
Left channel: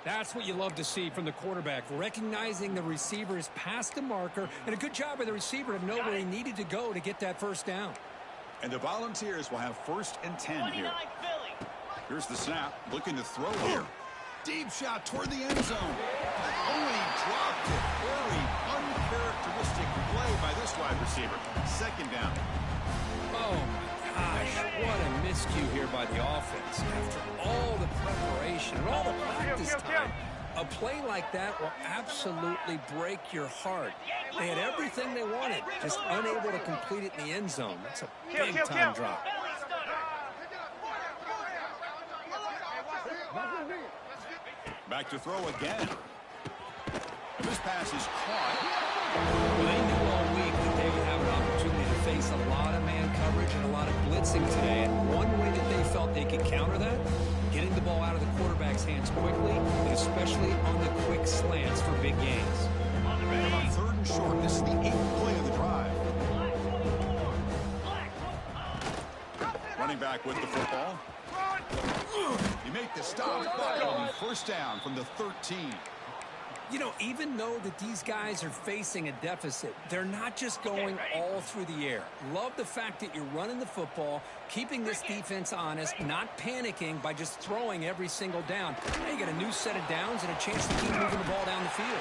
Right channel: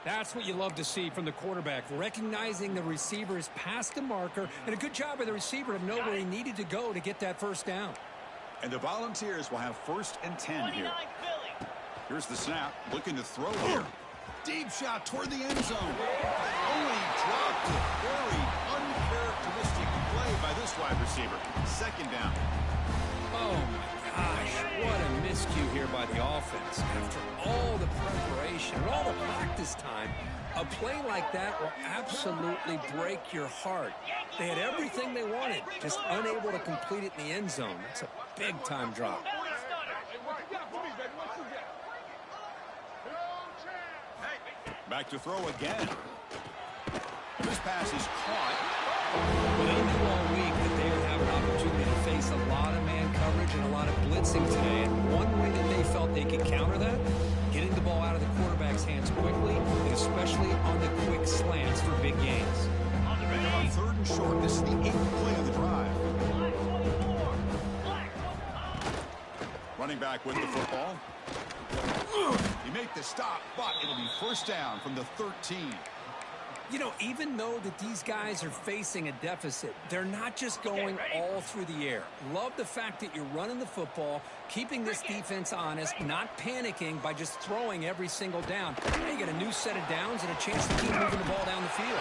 That's what you love to see from the quarterback, recognizing the receiver is past the marker, and a good job by the receiver to know where he needed to go to get that first down. And the Volunteers will have 1st and 10 here. Here's the snap, looking to throw here. Deep shot toward the end zone. Oh, and he dropped it. Very uncharacteristic play by this wide receiver. 2nd down. Oh, my gosh. What a miscue here by the offense. After all the preparation and all the practice time, a play like that will absolutely break your heart. They had everything they wanted, just unable to complete it in the end zone. That's a big-time drop. Back to throw again. And this pass is caught. Well, they knew all week that they would have an opportunity to face a lot of man coverage and a lot of blitzing today. And one way that they felt they could counter that, getting the ball out of the quarterback's hands quickly, and especially on the quick slants for big gains. And about 3rd and short. This is the 8th play of the drive. Running back with the football. You make the stop, but it'll be first down from the 13. You know, even though that these guys are facing a deficit, they're not just going all through the air. Love the fact that you're running the football, keeping this defense honest, not panicking by just throwing every single down. Now you get a new set of downs and a chance to keep moving the ball down the field.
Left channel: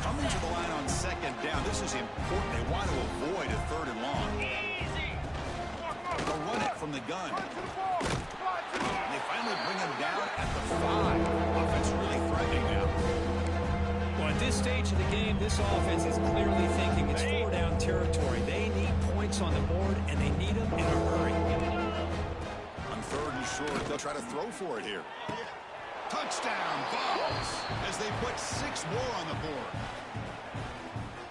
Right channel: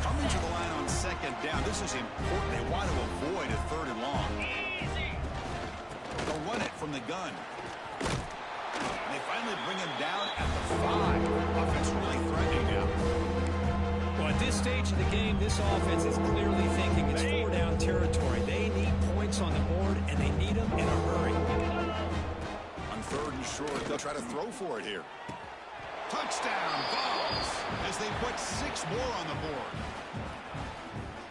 Coming to the line on 2nd down. This is important. They want to avoid a 3rd and long. They'll run it from the gun. They finally bring him down at the 5. Offense really threatening now. Well, at this stage of the game, this offense is clearly thinking it's 4-down territory. They need points on the board, and they need them in a hurry. On 3rd and short, they'll try to throw for it here. Touchdown, Vols, as they put 6 more on the board.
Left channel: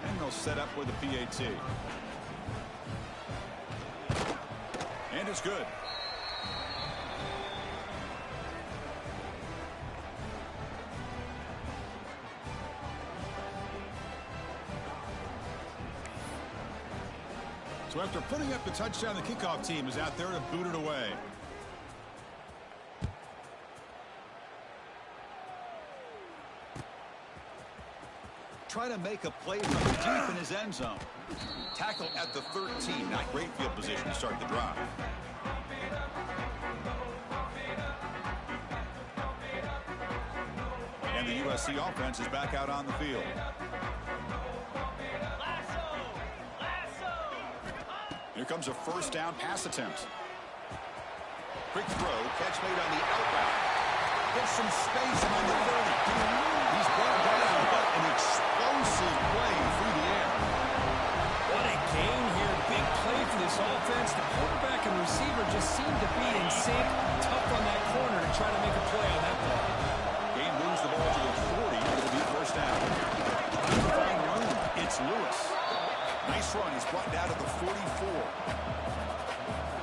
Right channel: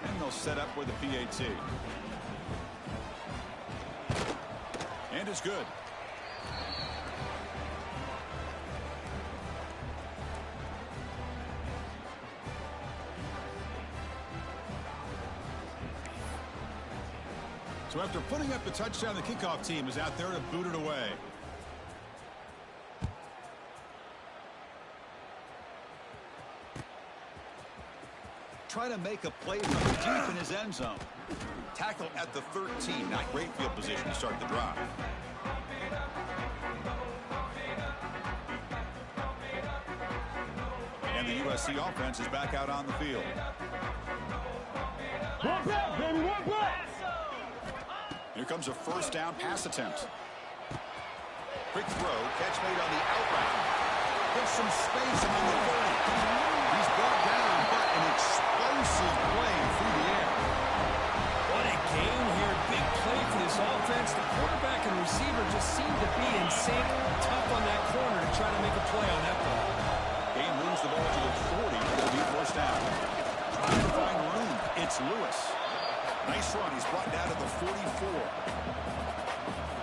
And they'll set up with a PAT. And it's good. So after putting up the touchdown, the kickoff team is out there to boot it away. Try to make a play from deep in his end zone. Tackle at the 13. Not great field position to start the drive. And the USC offense is back out on the field. Here comes a first down pass attempt. Quick throw, catch made on the out route. Gets some space among the 30. He's brought down, but an explosive play through the air. What a game here. Big play for this offense. The quarterback and receiver just seem to be in sync. Tough on that corner to try to make a play on that ball. Game moves the ball to the 40. It'll be first down. Trying to find room. It's Lewis. Nice run. He's brought down to the 44.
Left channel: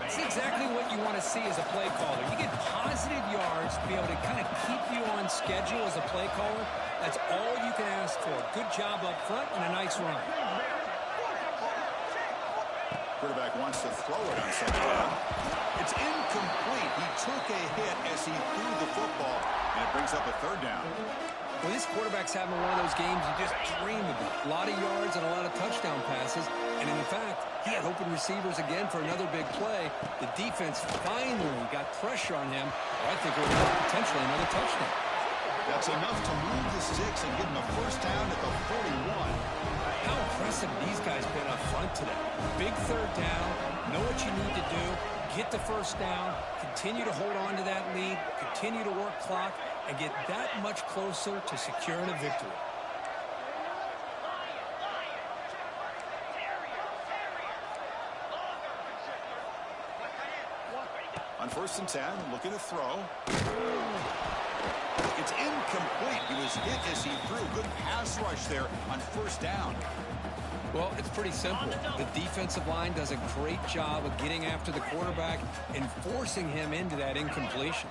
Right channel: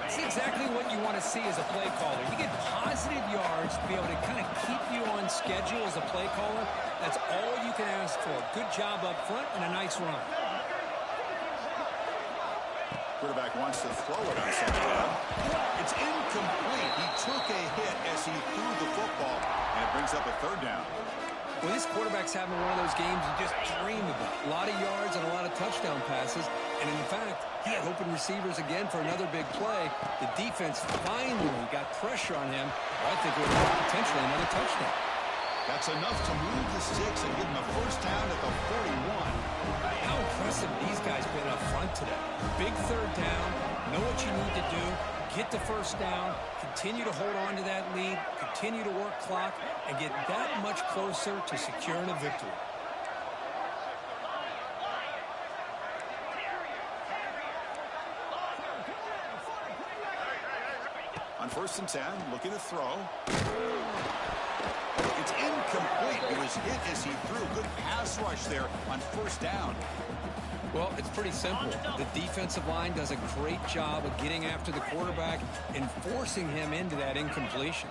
It's exactly what you want to see as a play caller. You get positive yards to be able to kind of keep you on schedule as a play caller. That's all you can ask for. Good job up front and a nice run. Quarterback wants to throw it on second down. It's incomplete. He took a hit as he threw the football, and it brings up a 3rd down. Well, this quarterback's having one of those games you just dream about. A lot of yards and a lot of touchdown passes. And in fact, he had open receivers again for another big play. The defense finally got pressure on him. Well, I think it would have potentially another touchdown. That's enough to move the sticks and give him a first down at the 41. How impressive these guys been up front today. Big 3rd down. Know what you need to do. Get the first down. Continue to hold on to that lead. Continue to work clock. And get that much closer to securing a victory. On 1st and 10, looking to throw. It's incomplete. He was hit as he threw. Good pass rush there on first down. Well, it's pretty simple. The defensive line does a great job of getting after the quarterback and forcing him into that incompletion.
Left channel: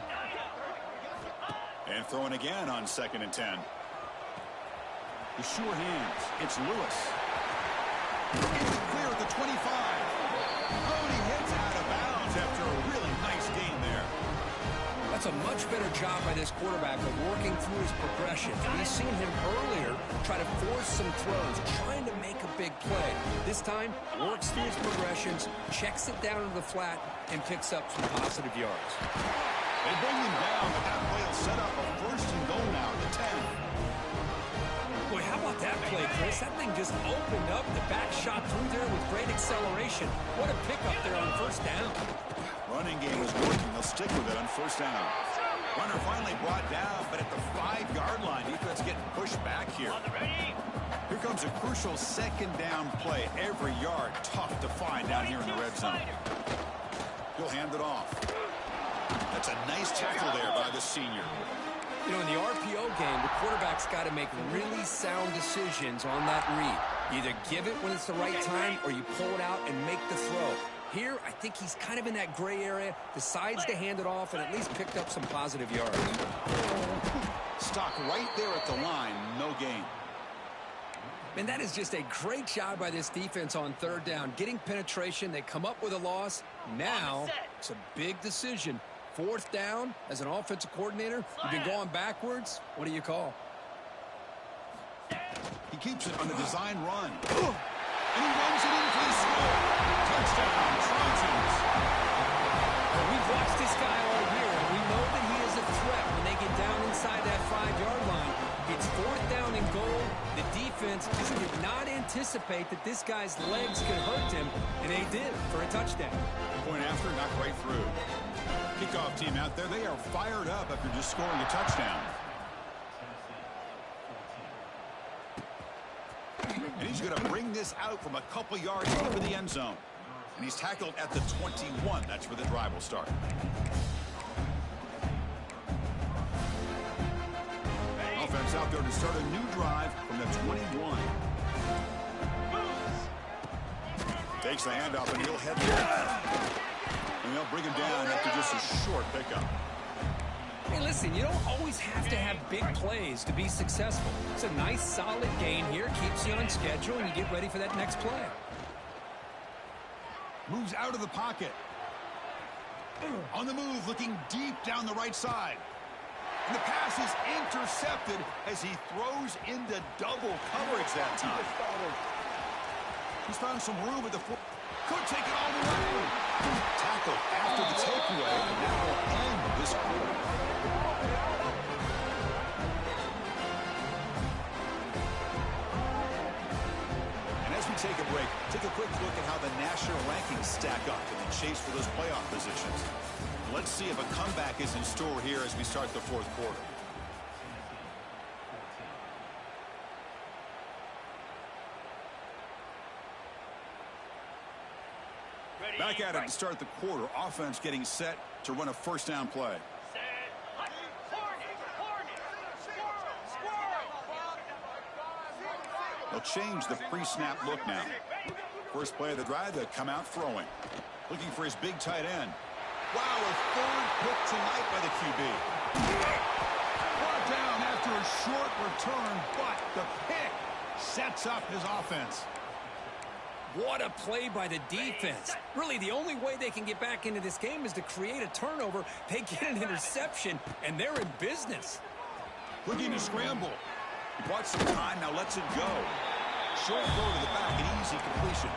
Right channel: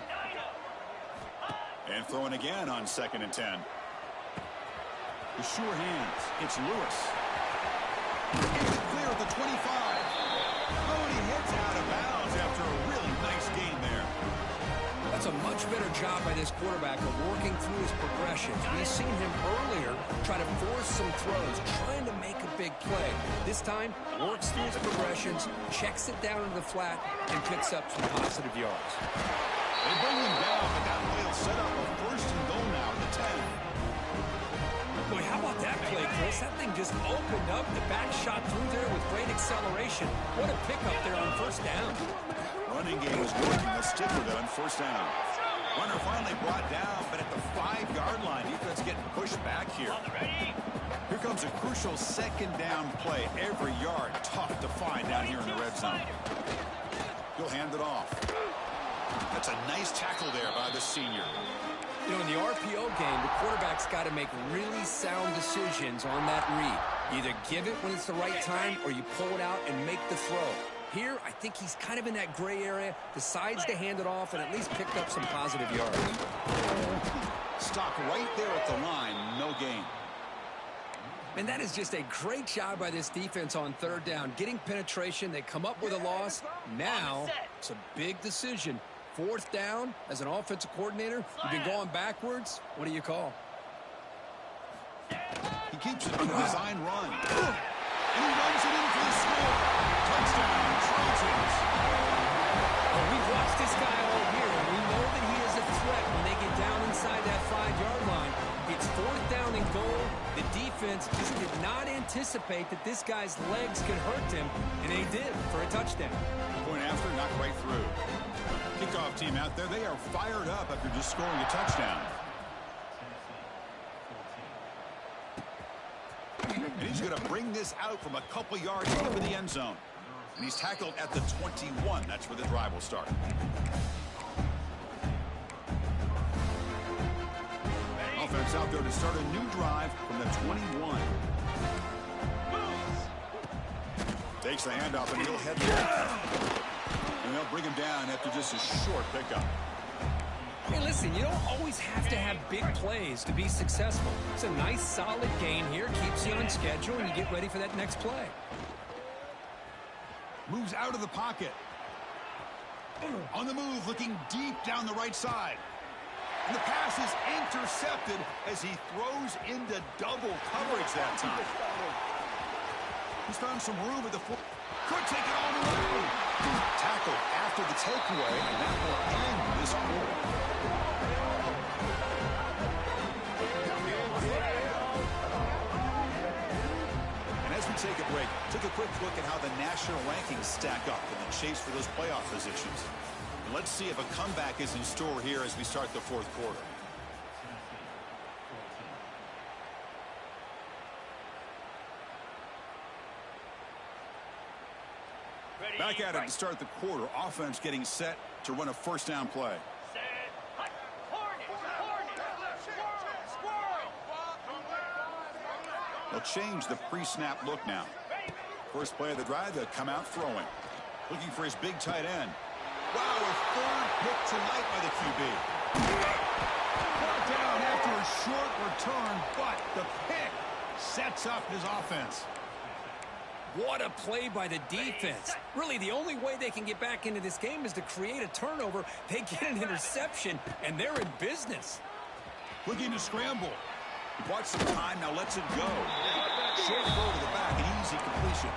And throwing again on 2nd and 10. The sure hands. It's Lewis. It's clear at the 25. Oh, and he hits out of bounds after a really nice game there. That's a much better job by this quarterback of working through his progressions. We've seen him earlier try to force some throws, trying to make a big play. This time, works through his progressions, checks it down into the flat, and picks up some positive yards. They bring him down, but that play will set up a 1st and goal now at the 10. Boy, how about that play, Chris? That thing just opened up. The back shot through there with great acceleration. What a pickup there on 1st down. Running game is working. They'll stick with it on 1st down. Runner finally brought down, but at the 5-yard line, defense getting pushed back here. Here comes a crucial 2nd down play. Every yard tough to find down here in the red zone. He'll hand it off. That's a nice tackle there by the senior. You know, in the RPO game, the quarterback's got to make really sound decisions on that read. Either give it when it's the right time or you pull it out and make the throw. Here, I think he's kind of in that gray area, decides to hand it off, and at least picked up some positive yards. Stock right there at the line, no gain. And that is just a great job by this defense on 3rd down. Getting penetration, they come up with a loss. Now, it's a big decision. 4th down, as an offensive coordinator, you've been going backwards. What do you call? He keeps it on the design run. And he runs it in for the score. Touchdown, Trojans. Well, we've watched this guy all year, and we know that he is a threat when they get down inside that 5-yard line. It's 4th down and goal. The defense just did not anticipate that this guy's legs could hurt him, and they did for a touchdown. Point after, knocked right through. Kickoff team out there, they are fired up after just scoring a touchdown. And he's going to bring this out from a couple yards deep in the end zone. And he's tackled at the 21. That's where the drive will start. Offense out there to start a new drive from the 21. Takes the handoff, and he'll head left. And they'll bring him down after just a short pickup. Hey, listen, you don't always have to have big plays to be successful. It's a nice, solid gain here. Keeps you on schedule, and you get ready for that next play. Moves out of the pocket. On the move, looking deep down the right side. And the pass is intercepted as he throws into double coverage that time. He's found some room at the foot. Could take it all the way. Tackle after the takeaway, and that will end this quarter. And as we take a break, take a quick look at how the national rankings stack up in the chase for those playoff positions. Let's see if a comeback is in store here as we start the 4th quarter. Back at it to start the quarter. Offense getting set to run a 1st down play. They'll change the pre-snap look now. First play of the drive, they'll come out throwing. Looking for his big tight end. Wow, a 3rd pick tonight by the QB. Brought down after a short return, but the pick sets up his offense. What a play by the defense. Really, the only way they can get back into this game is to create a turnover. They get an interception, and they're in business. Looking to scramble. He bought some time, now lets it go. Short throw to the back, an easy completion.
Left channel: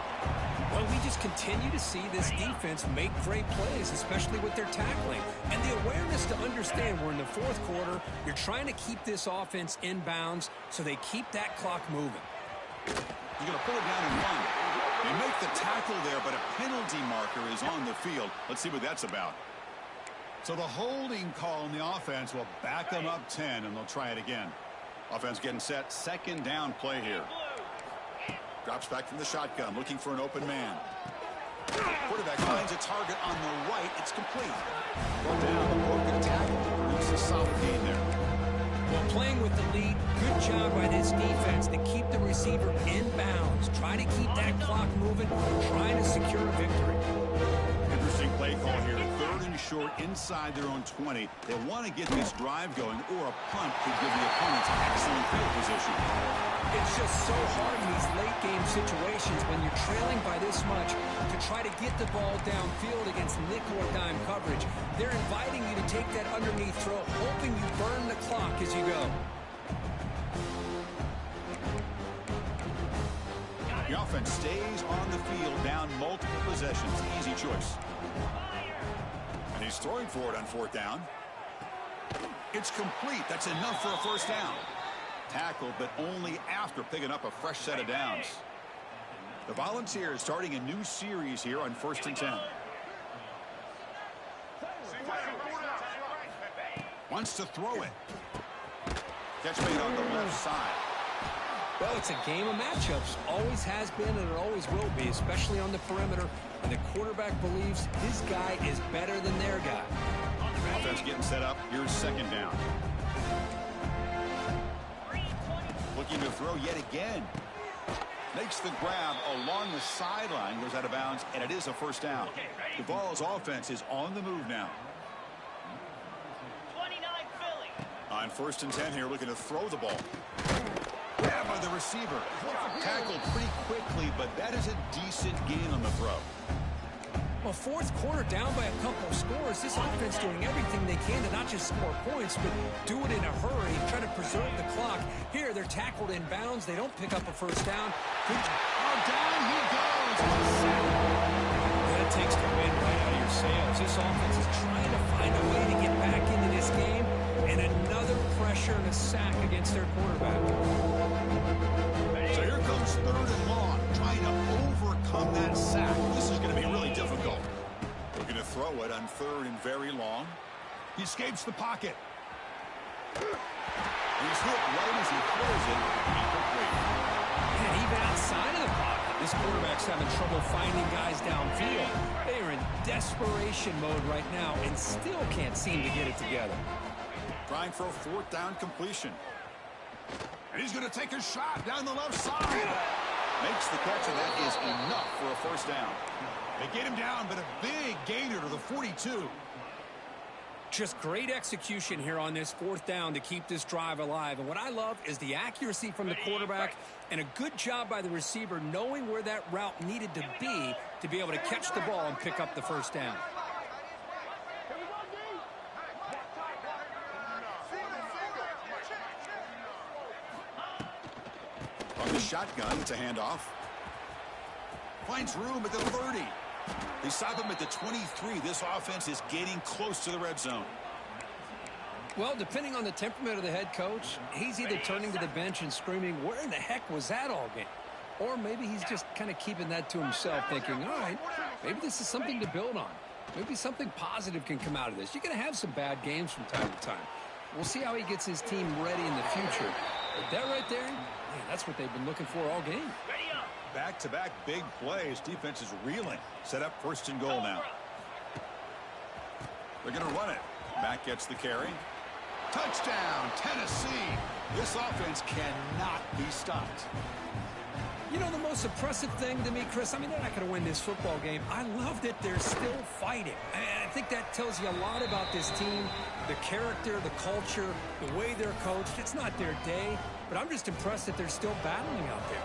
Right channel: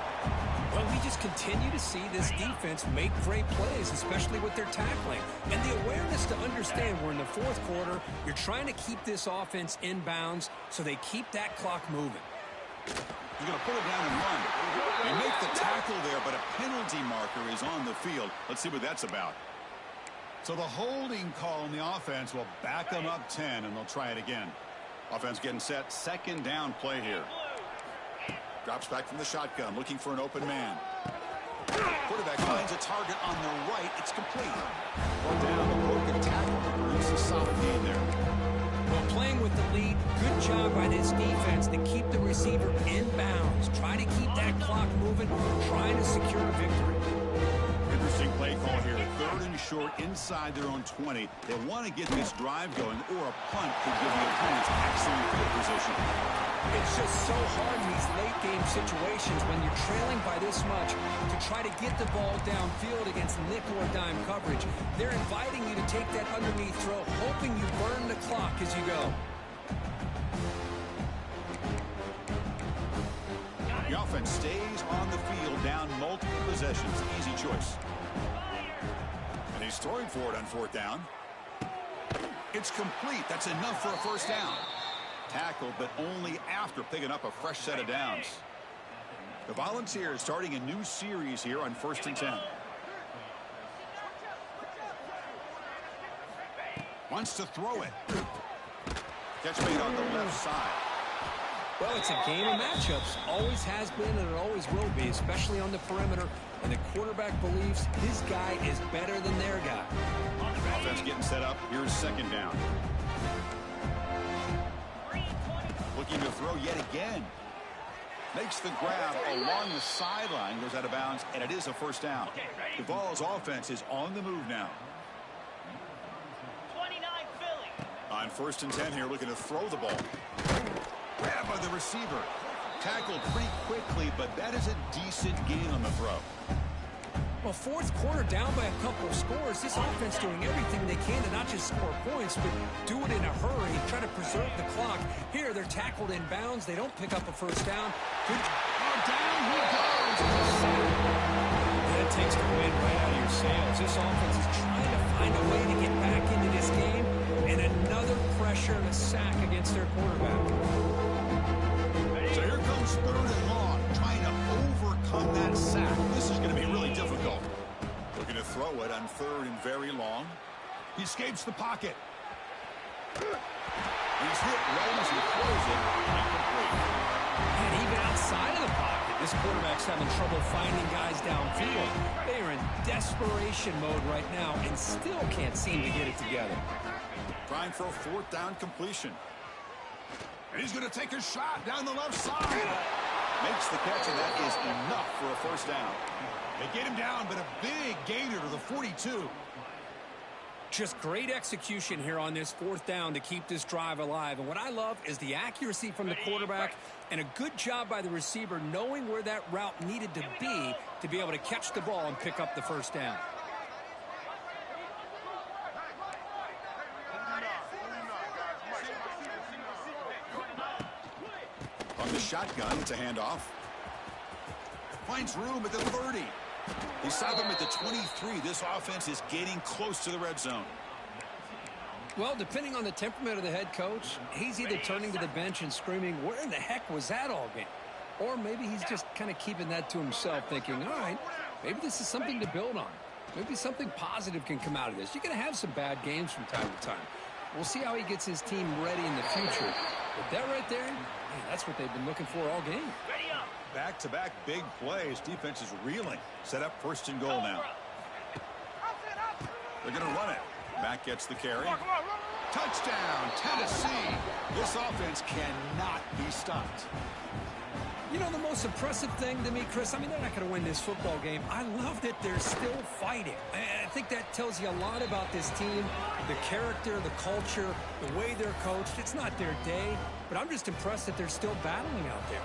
Well, we just continue to see this defense make great plays, especially with their tackling. And the awareness to understand we're in the 4th quarter. You're trying to keep this offense in bounds so they keep that clock moving. He's going to pull it down and run. They make the tackle there, but a penalty marker is on the field. Let's see what that's about. So the holding call on the offense will back them up 10, and they'll try it again. Offense getting set. 2nd down play here. Drops back from the shotgun, looking for an open man. Quarterback finds a target on the right. It's complete. Brought down, a broken tackle to produce a solid gain there. Well, playing with the lead, good good job by this defense to keep the receiver in bounds. Try to keep that clock moving, trying to secure a victory. Interesting play call here. 3rd and short inside their own 20. They want to get this drive going, or a punt could give the opponents excellent field position. It's just so hard in these late-game situations when you're trailing by this much to try to get the ball downfield against nickel or dime coverage. They're inviting you to take that underneath throw, hoping you burn the clock as you go. The offense stays on the field, down multiple possessions. Easy choice. And he's throwing for it on 4th down. It's complete. That's enough for a first down. Tackled, but only after picking up a fresh set of downs. The Volunteers starting a new series here on 1st and 10. Wants to throw it. Catch made on the left side. Well, it's a game of matchups. Always has been, and it always will be, especially on the perimeter. And the quarterback believes his guy is better than their guy. Offense getting set up. Here's 2nd down. Looking to throw yet again. Makes the grab along the sideline. Goes out of bounds, and it is a first down. The Vols offense is on the move now. 29 Philly. On 1st and 10 here, looking to throw the ball. Grab by the receiver. Tackled pretty quickly, but that is a decent gain on the throw. Well, 4th quarter down by a couple of scores. This offense doing everything they can to not just score points, but do it in a hurry, try to preserve the clock. Here, they're tackled in bounds. They don't pick up a first down. Good. Oh, down he goes. It's a sack. That takes the wind right out of your sails. This offense is trying to find a way to get back into this game, and another pressure and a sack against their quarterback. So here comes 3rd and long, trying to overcome that sack. This is going to be really difficult. Looking to throw it on 3rd and very long. He escapes the pocket. He's hit right as he throws it. Incomplete. And even outside of the pocket, this quarterback's having trouble finding guys downfield. They are in desperation mode right now and still can't seem to get it together. Trying for a 4th down completion. And he's going to take a shot down the left side. Makes the catch, and that is enough for a first down. They get him down, but a big gainer to the 42. Just great execution here on this 4th down to keep this drive alive. And what I love is the accuracy from the quarterback and a good job by the receiver knowing where that route needed to be able to catch the ball and pick up the first down. On the shotgun, it's a handoff. Finds room at the 30. They stop him at the 23. This offense is getting close to the red zone. Well, depending on the temperament of the head coach, he's either turning to the bench and screaming, where in the heck was that all game? Or maybe he's just kind of keeping that to himself, thinking, all right, maybe this is something to build on. Maybe something positive can come out of this. You're going to have some bad games from time to time. We'll see how he gets his team ready in the future. But that right there, man, that's what they've been looking for all game. Ready up. Back-to-back big plays. Defense is reeling. Set up 1st and goal now. They're going to run it. Back gets the carry. Touchdown, Tennessee. This offense cannot be stopped. You know, the most impressive thing to me, Chris, I mean, they're not going to win this football game. I love that they're still fighting. I think that tells you a lot about this team, the character, the culture, the way they're coached. It's not their day, but I'm just impressed that they're still battling out there.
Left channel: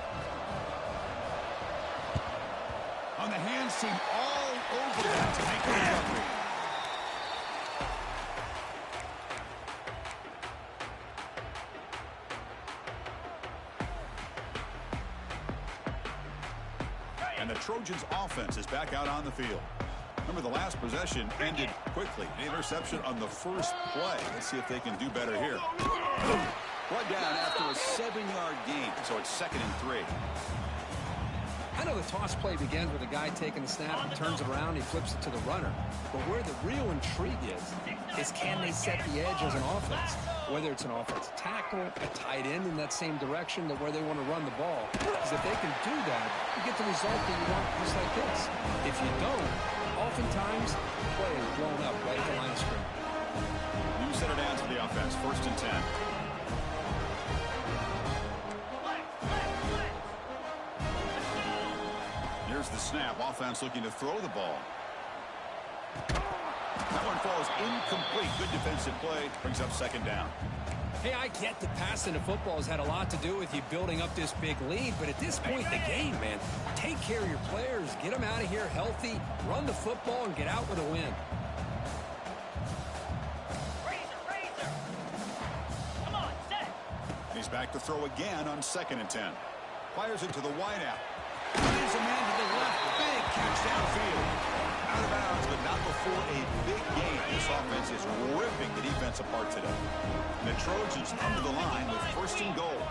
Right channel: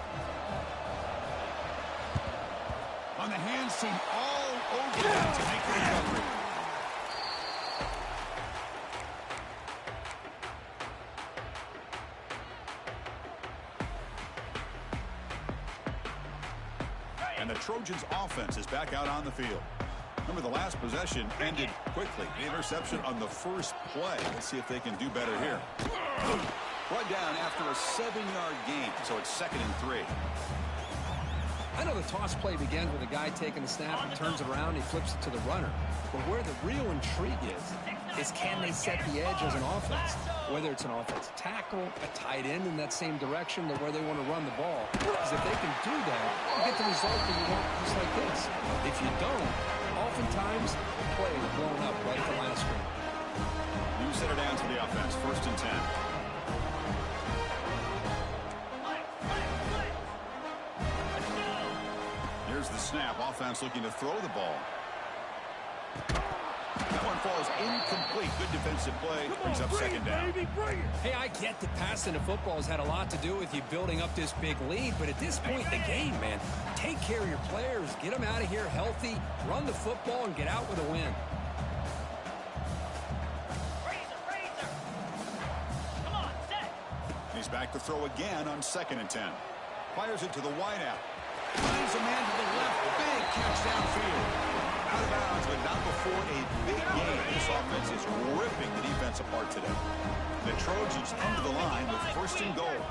On the hands team all over them to make the recovery. And the Trojans offense is back out on the field. Remember, the last possession ended quickly. An interception on the first play. Let's see if they can do better here. Brought down after a 7-yard gain, so it's 2nd and 3. I know the toss play begins with a guy taking the snap, he turns it around, he flips it to the runner. But where the real intrigue is can they set the edge as an offense? Whether it's an offensive tackle, a tight end in that same direction to where they want to run the ball. Because if they can do that, you get the result that you want just like this. If you don't, oftentimes the play is blown up right at the line of scrimmage. New center down to the offense, 1st and 10. Here's the snap. Offense looking to throw the ball. That one falls incomplete. Good defensive play. Brings up second down. Hey, I get that passing the football has had a lot to do with you building up this big lead, but at this point in the game, man, take care of your players. Get them out of here healthy, run the football, and get out with a win. Razor. Come on, set. He's back to throw again on 2nd and 10. Fires it to the wideout. Finds a man to the left. Big catch downfield. Out of bounds, but not before a big game. This offense is ripping the defense apart today. The Trojans come to the line with 1st and goal.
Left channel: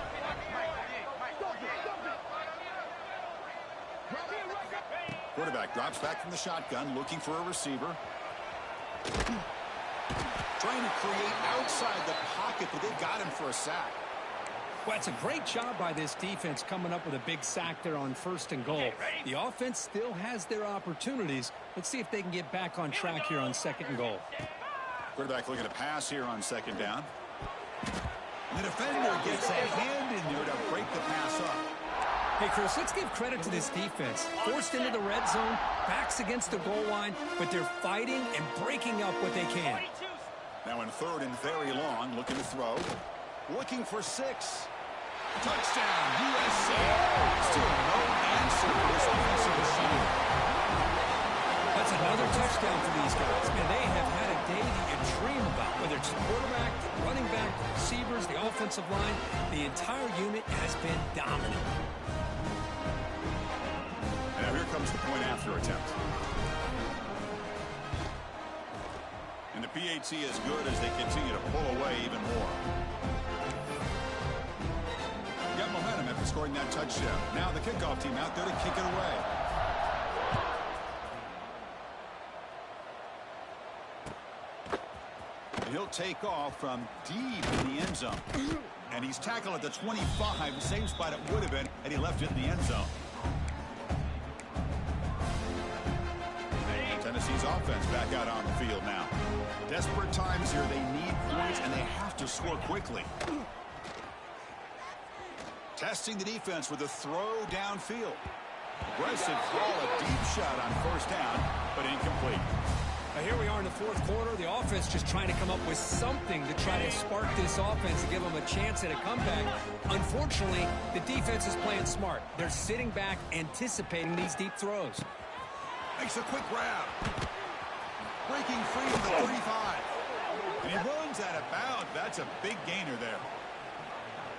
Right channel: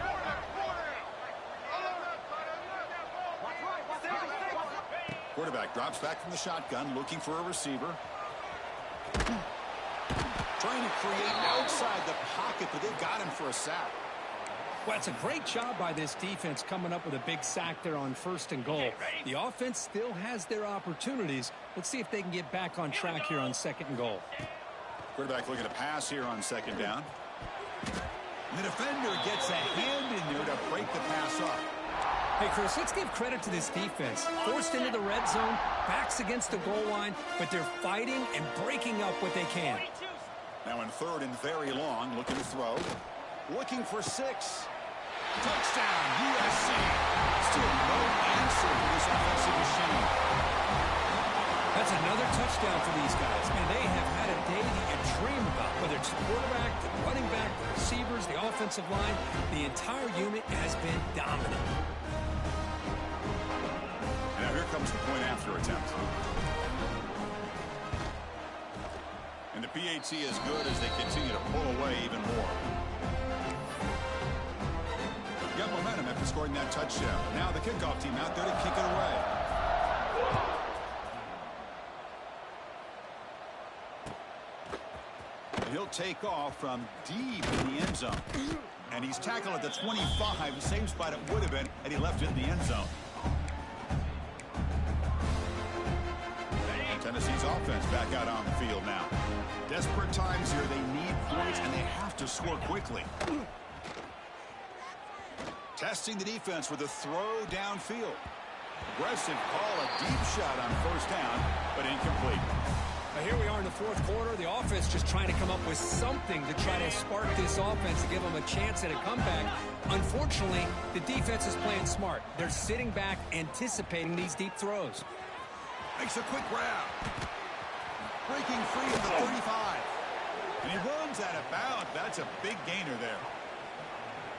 Quarterback drops back from the shotgun, looking for a receiver. Trying to create outside the pocket, but they've got him for a sack. Well, it's a great job by this defense coming up with a big sack there on 1st and goal. The offense still has their opportunities. Let's see if they can get back on track here on 2nd and goal. Quarterback looking to pass here on 2nd down. The defender gets a hand in there to break the pass up. Hey, Chris, let's give credit to this defense. Forced into the red zone, backs against the goal line, but they're fighting and breaking up what they can. Now in 3rd and very long, looking to throw. Looking for 6. Touchdown, USC. Still no answer for this offensive machine. That's another touchdown for these guys. Man, they have had a day that you dream about, whether it's the quarterback, the running back, the receivers, the offensive line. The entire unit has been dominant. And now here comes the point after attempt. And the PAT is good as they continue to pull away even more. Got momentum after scoring that touchdown. Now the kickoff team out there to kick it away. And he'll take off from deep in the end zone. And he's tackled at the 25, same spot it would have been had he left it in the end zone. Tennessee's offense back out on the field now. Desperate times here. They need points, and they have to score quickly. Testing the defense with a throw downfield. Aggressive call, a deep shot on 1st down, but incomplete. Now here we are in the 4th quarter. The offense just trying to come up with something to try to spark this offense to give them a chance at a comeback. Unfortunately, the defense is playing smart. They're sitting back, anticipating these deep throws. Makes a quick grab. Breaking free at the 35. And he runs out of bounds. That's a big gainer there.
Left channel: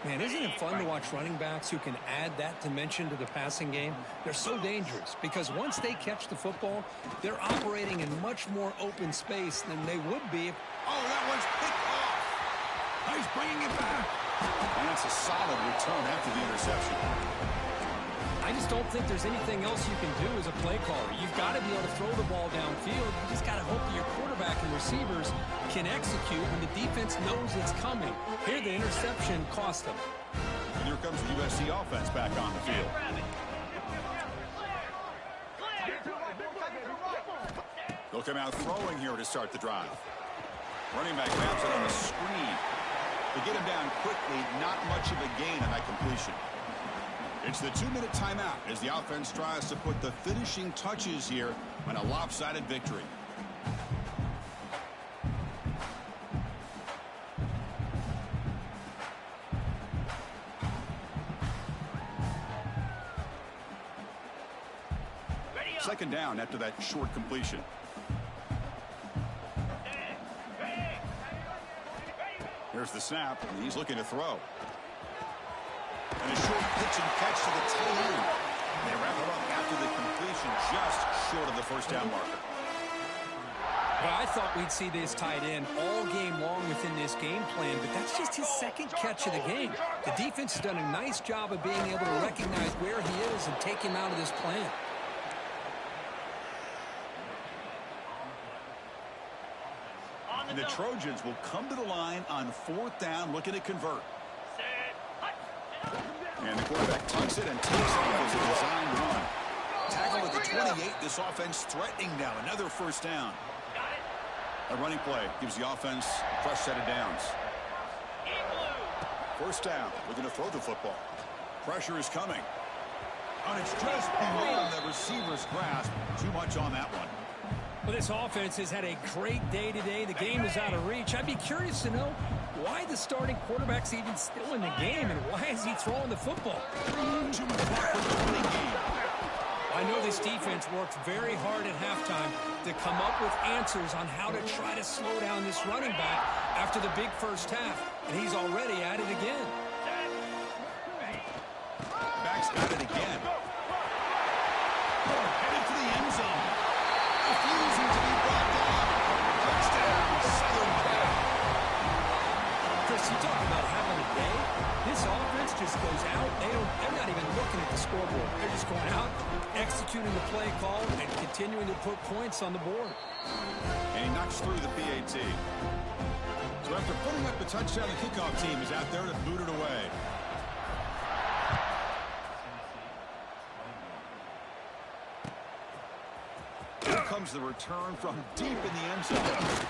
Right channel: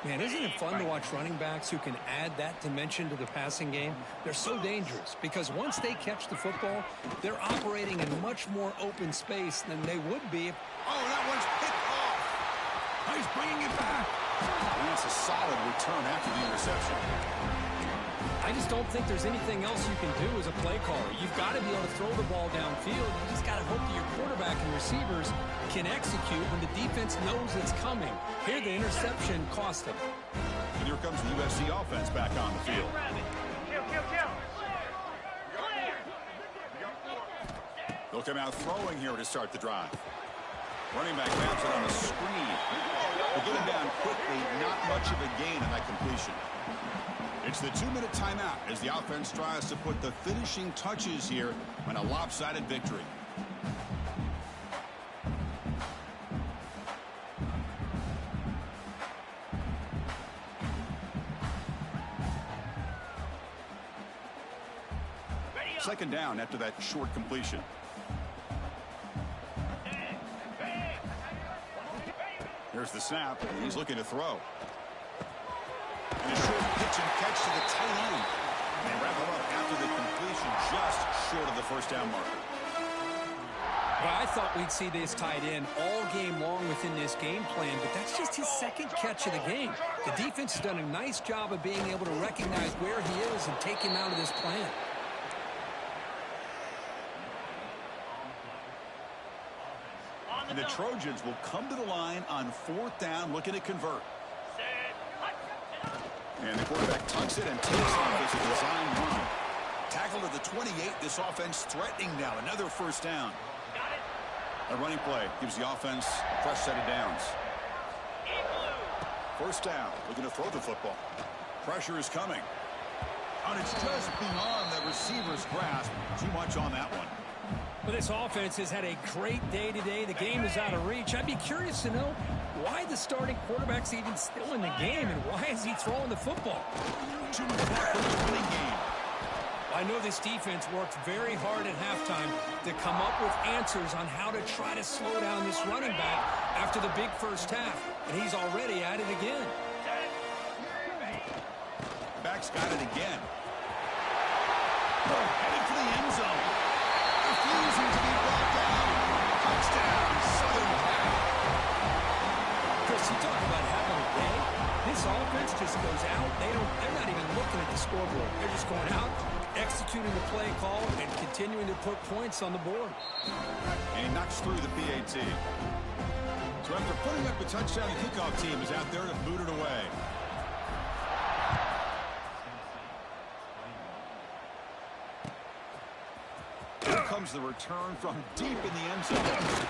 Man, isn't it fun to watch running backs who can add that dimension to the passing game? They're so dangerous because once they catch the football, they're operating in much more open space than they would be if... Oh, that one's picked off. Oh, he's bringing it back. And that's a solid return after the interception. I just don't think there's anything else you can do as a play caller. You've got to be able to throw the ball downfield. You just got to hope that your quarterback and receivers can execute when the defense knows it's coming. Here, the interception cost them. And here comes the USC offense back on the field. They'll come out throwing here to start the drive. Running back grabs it on the screen. They get him down quickly. Not much of a gain on that completion. It's the 2-minute timeout as the offense tries to put the finishing touches here on a lopsided victory. Second down after that short completion. Here's the snap, and he's looking to throw. And a short pitch and catch to the tight end. They wrap him up after the completion just short of the 1st down marker. Well, I thought we'd see this tight end all game long within this game plan, but that's just his 2nd catch of the game. The defense has done a nice job of being able to recognize where he is and take him out of this plan. And the Trojans will come to the line on 4th down, looking to convert. And the quarterback tucks it and takes off as a design run. Tackled at the 28. This offense threatening now. Another 1st down. A running play gives the offense a fresh set of downs. 1st down. Looking to throw the football. Pressure is coming. And it's just beyond the receiver's grasp. Too much on that one. Well, this offense has had a great day today. The game is out of reach. I'd be curious to know why the starting quarterback's even still in the game, and why is he throwing the football? Too much clock for the running game. I know this defense worked very hard at halftime to come up with answers on how to try to slow down this running back after the big first half, and he's already at it again. Back's got it again. Headed for the end zone. Refusing to be brought down. Touchdown, Southern Cal. Chris, you talk about having a day. This offense just goes out. They're not even looking at the scoreboard. They're just going out, executing the play call, and continuing to put points on the board. And he knocks through the PAT. So after putting up the touchdown, the kickoff team is out there to boot it away. Here comes the return from deep in the end zone.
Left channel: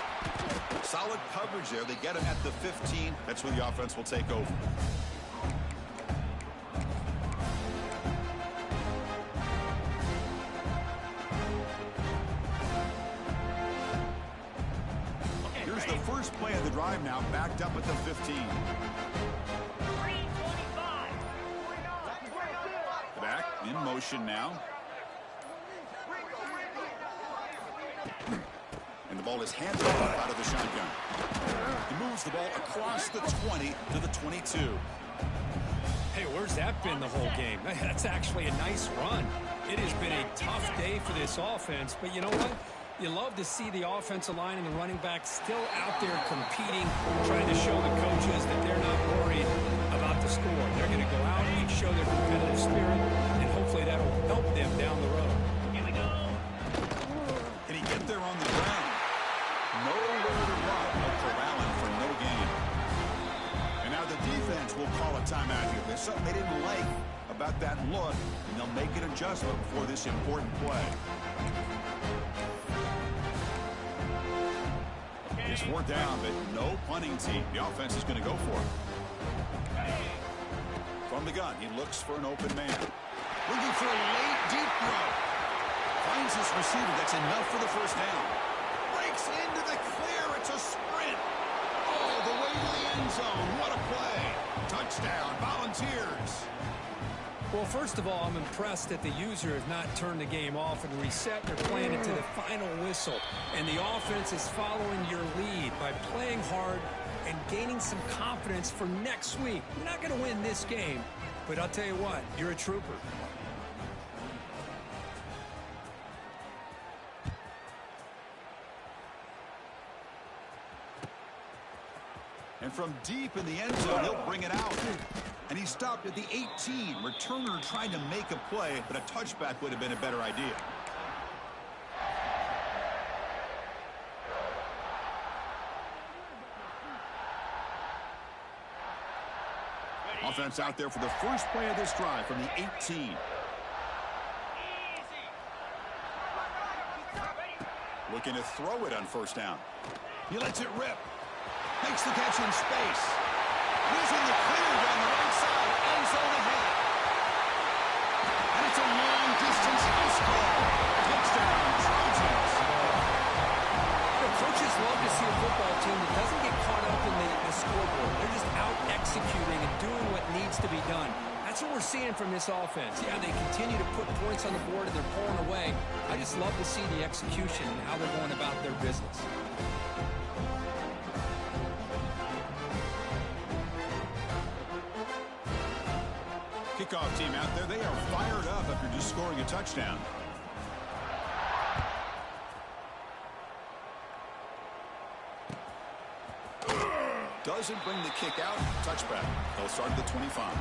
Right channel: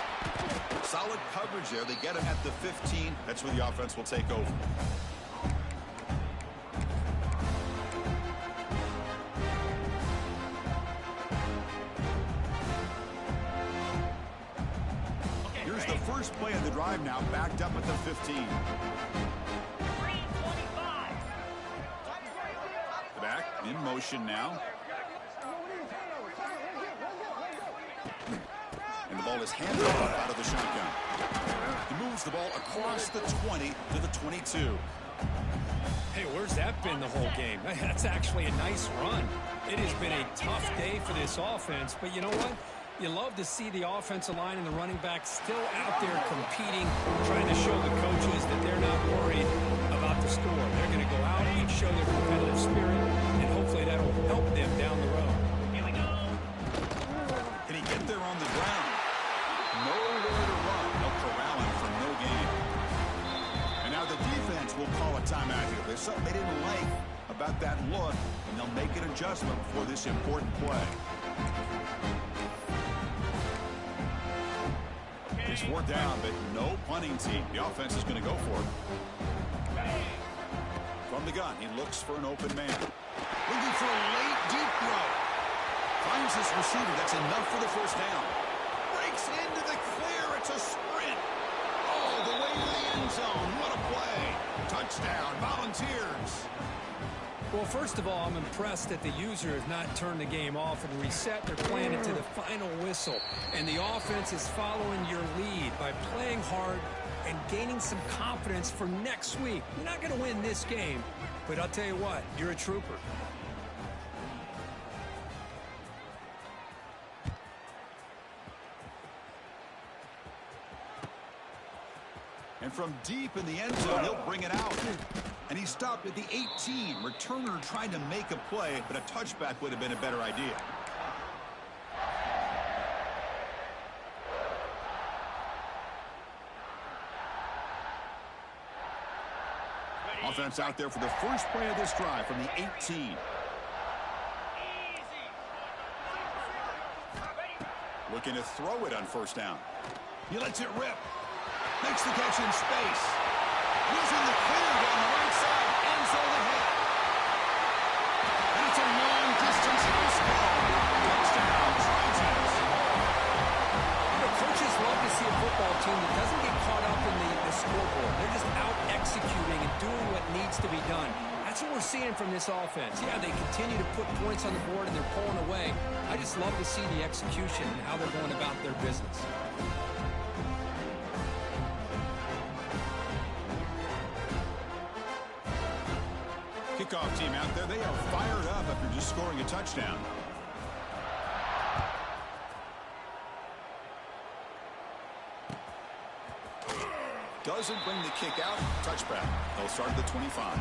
Solid coverage there. They get him at the 15. That's where the offense will take over. Here's the first play of the drive now, backed up at the 15. 3:25. Back in motion now. And the ball is handed off out of the shotgun. He moves the ball across the 20 to the 22. Hey, where's that been the whole game? That's actually a nice run. It has been a tough day for this offense, but you know what? You love to see the offensive line and the running back still out there competing, trying to show the coaches that they're not worried about the score. They're going to go out and show their competitive spirit, and hopefully that'll help them down the road. Here we go. Can he get there on the ground? Nowhere to run. They'll corral him for no gain. And now the defense will call a timeout here. There's something they didn't like about that look, and they'll make an adjustment before this important play. It's 4th down, but no punting team. The offense is going to go for it. From the gun, he looks for an open man. Looking for a late, deep throw. Finds his receiver. That's enough for the first down. Breaks into the clear. It's a sprint. Oh, the way to the end zone. What a play. Touchdown, Volunteers. Well, first of all, I'm impressed that the user has not turned the game off and reset. They're playing it to the final whistle. And the offense is following your lead by playing hard and gaining some confidence for next week. You're not going to win this game, but I'll tell you what, you're a trooper. And from deep in the end zone, he'll bring it out. And he stopped at the 18. Returner trying to make a play, but a touchback would have been a better idea. Offense out there for the first play of this drive from the 18. Looking to throw it on first down. He lets it rip. Makes the catch in space. He's in the clear down the right side. End zone ahead. And it's a long-distance house call. Touchdown, Trojans. You know, coaches love to see a football team that doesn't get caught up in the scoreboard. They're just out executing and doing what needs to be done. That's what we're seeing from this offense. Yeah, they continue to put points on the board and they're pulling away. I just love to see the execution and how they're going about their business. Kickoff team out there, they are fired up after just scoring a touchdown. Doesn't bring the kick out. Touchback. They'll start at the 25.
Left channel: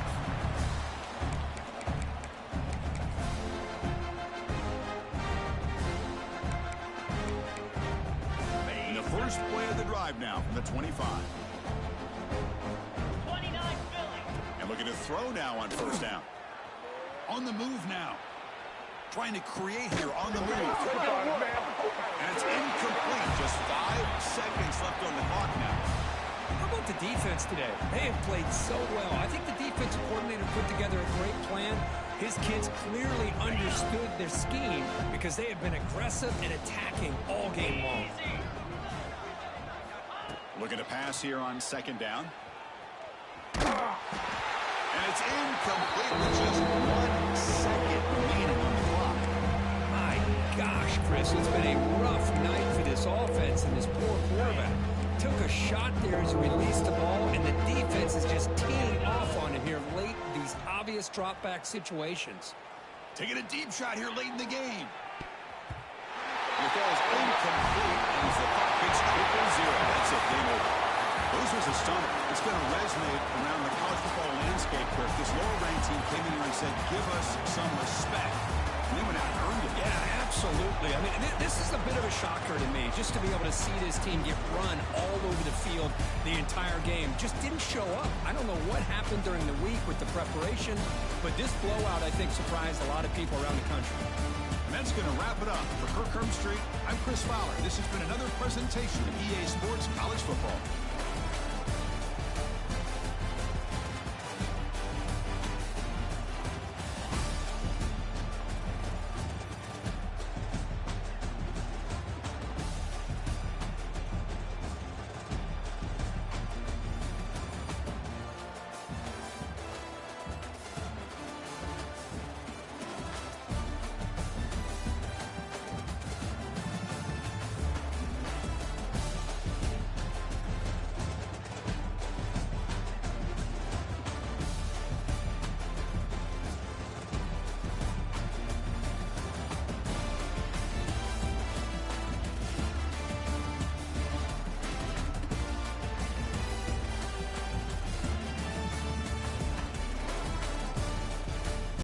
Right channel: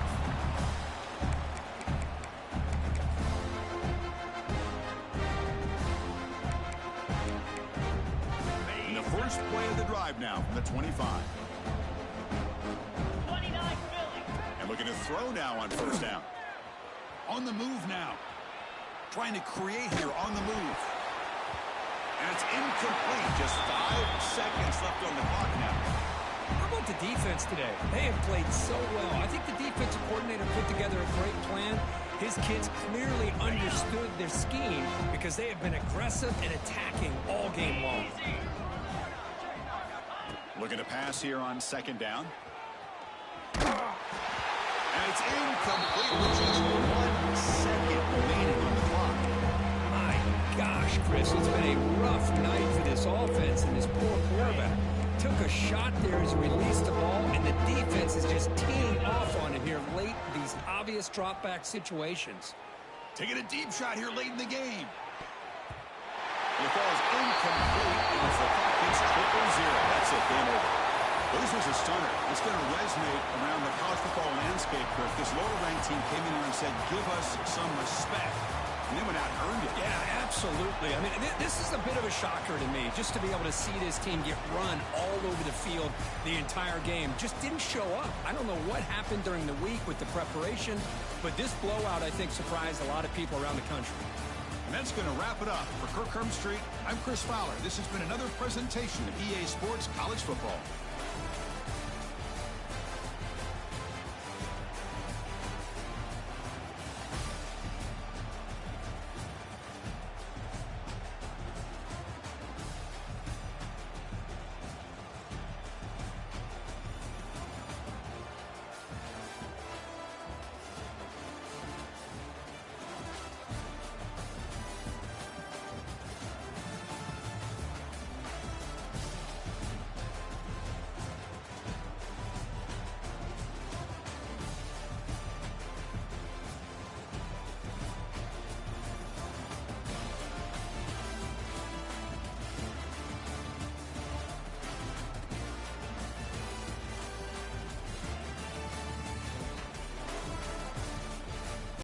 And the first play of the drive now from the 25. 29 Philly. And looking to throw now on first down. On the move now. Trying to create here on the move. And it's incomplete. Just 5 seconds left on the clock now. How about the defense today? They have played so well. I think the defensive coordinator put together a great plan, His kids clearly understood their scheme because they have been aggressive and attacking all game long. Looking to pass here on second down. And it's incomplete with just 1 second remaining on the clock. My gosh, Chris, it's been a rough night for this offense and this poor quarterback. Took a shot there as he released the ball, and the defense is just teeing off on him here late in these obvious drop-back situations. Taking a deep shot here late in the game. And it falls incomplete as the clock hits 0-0. That's it, game over. Well, this was a stunner. It's going to resonate around the college football landscape, Kirk. This lower-ranked team came in here and said, give us some respect. And they went out and earned it. Yeah, absolutely. I mean, this is a bit of a shocker to me, just to be able to see this team get run all over the field the entire game. Just didn't show up. I don't know what happened during the week with the preparation, but this blowout, I think, surprised a lot of people around the country. And that's going to wrap it up. For Kirk Street, I'm Chris Fowler. This has been another presentation of EA Sports College Football.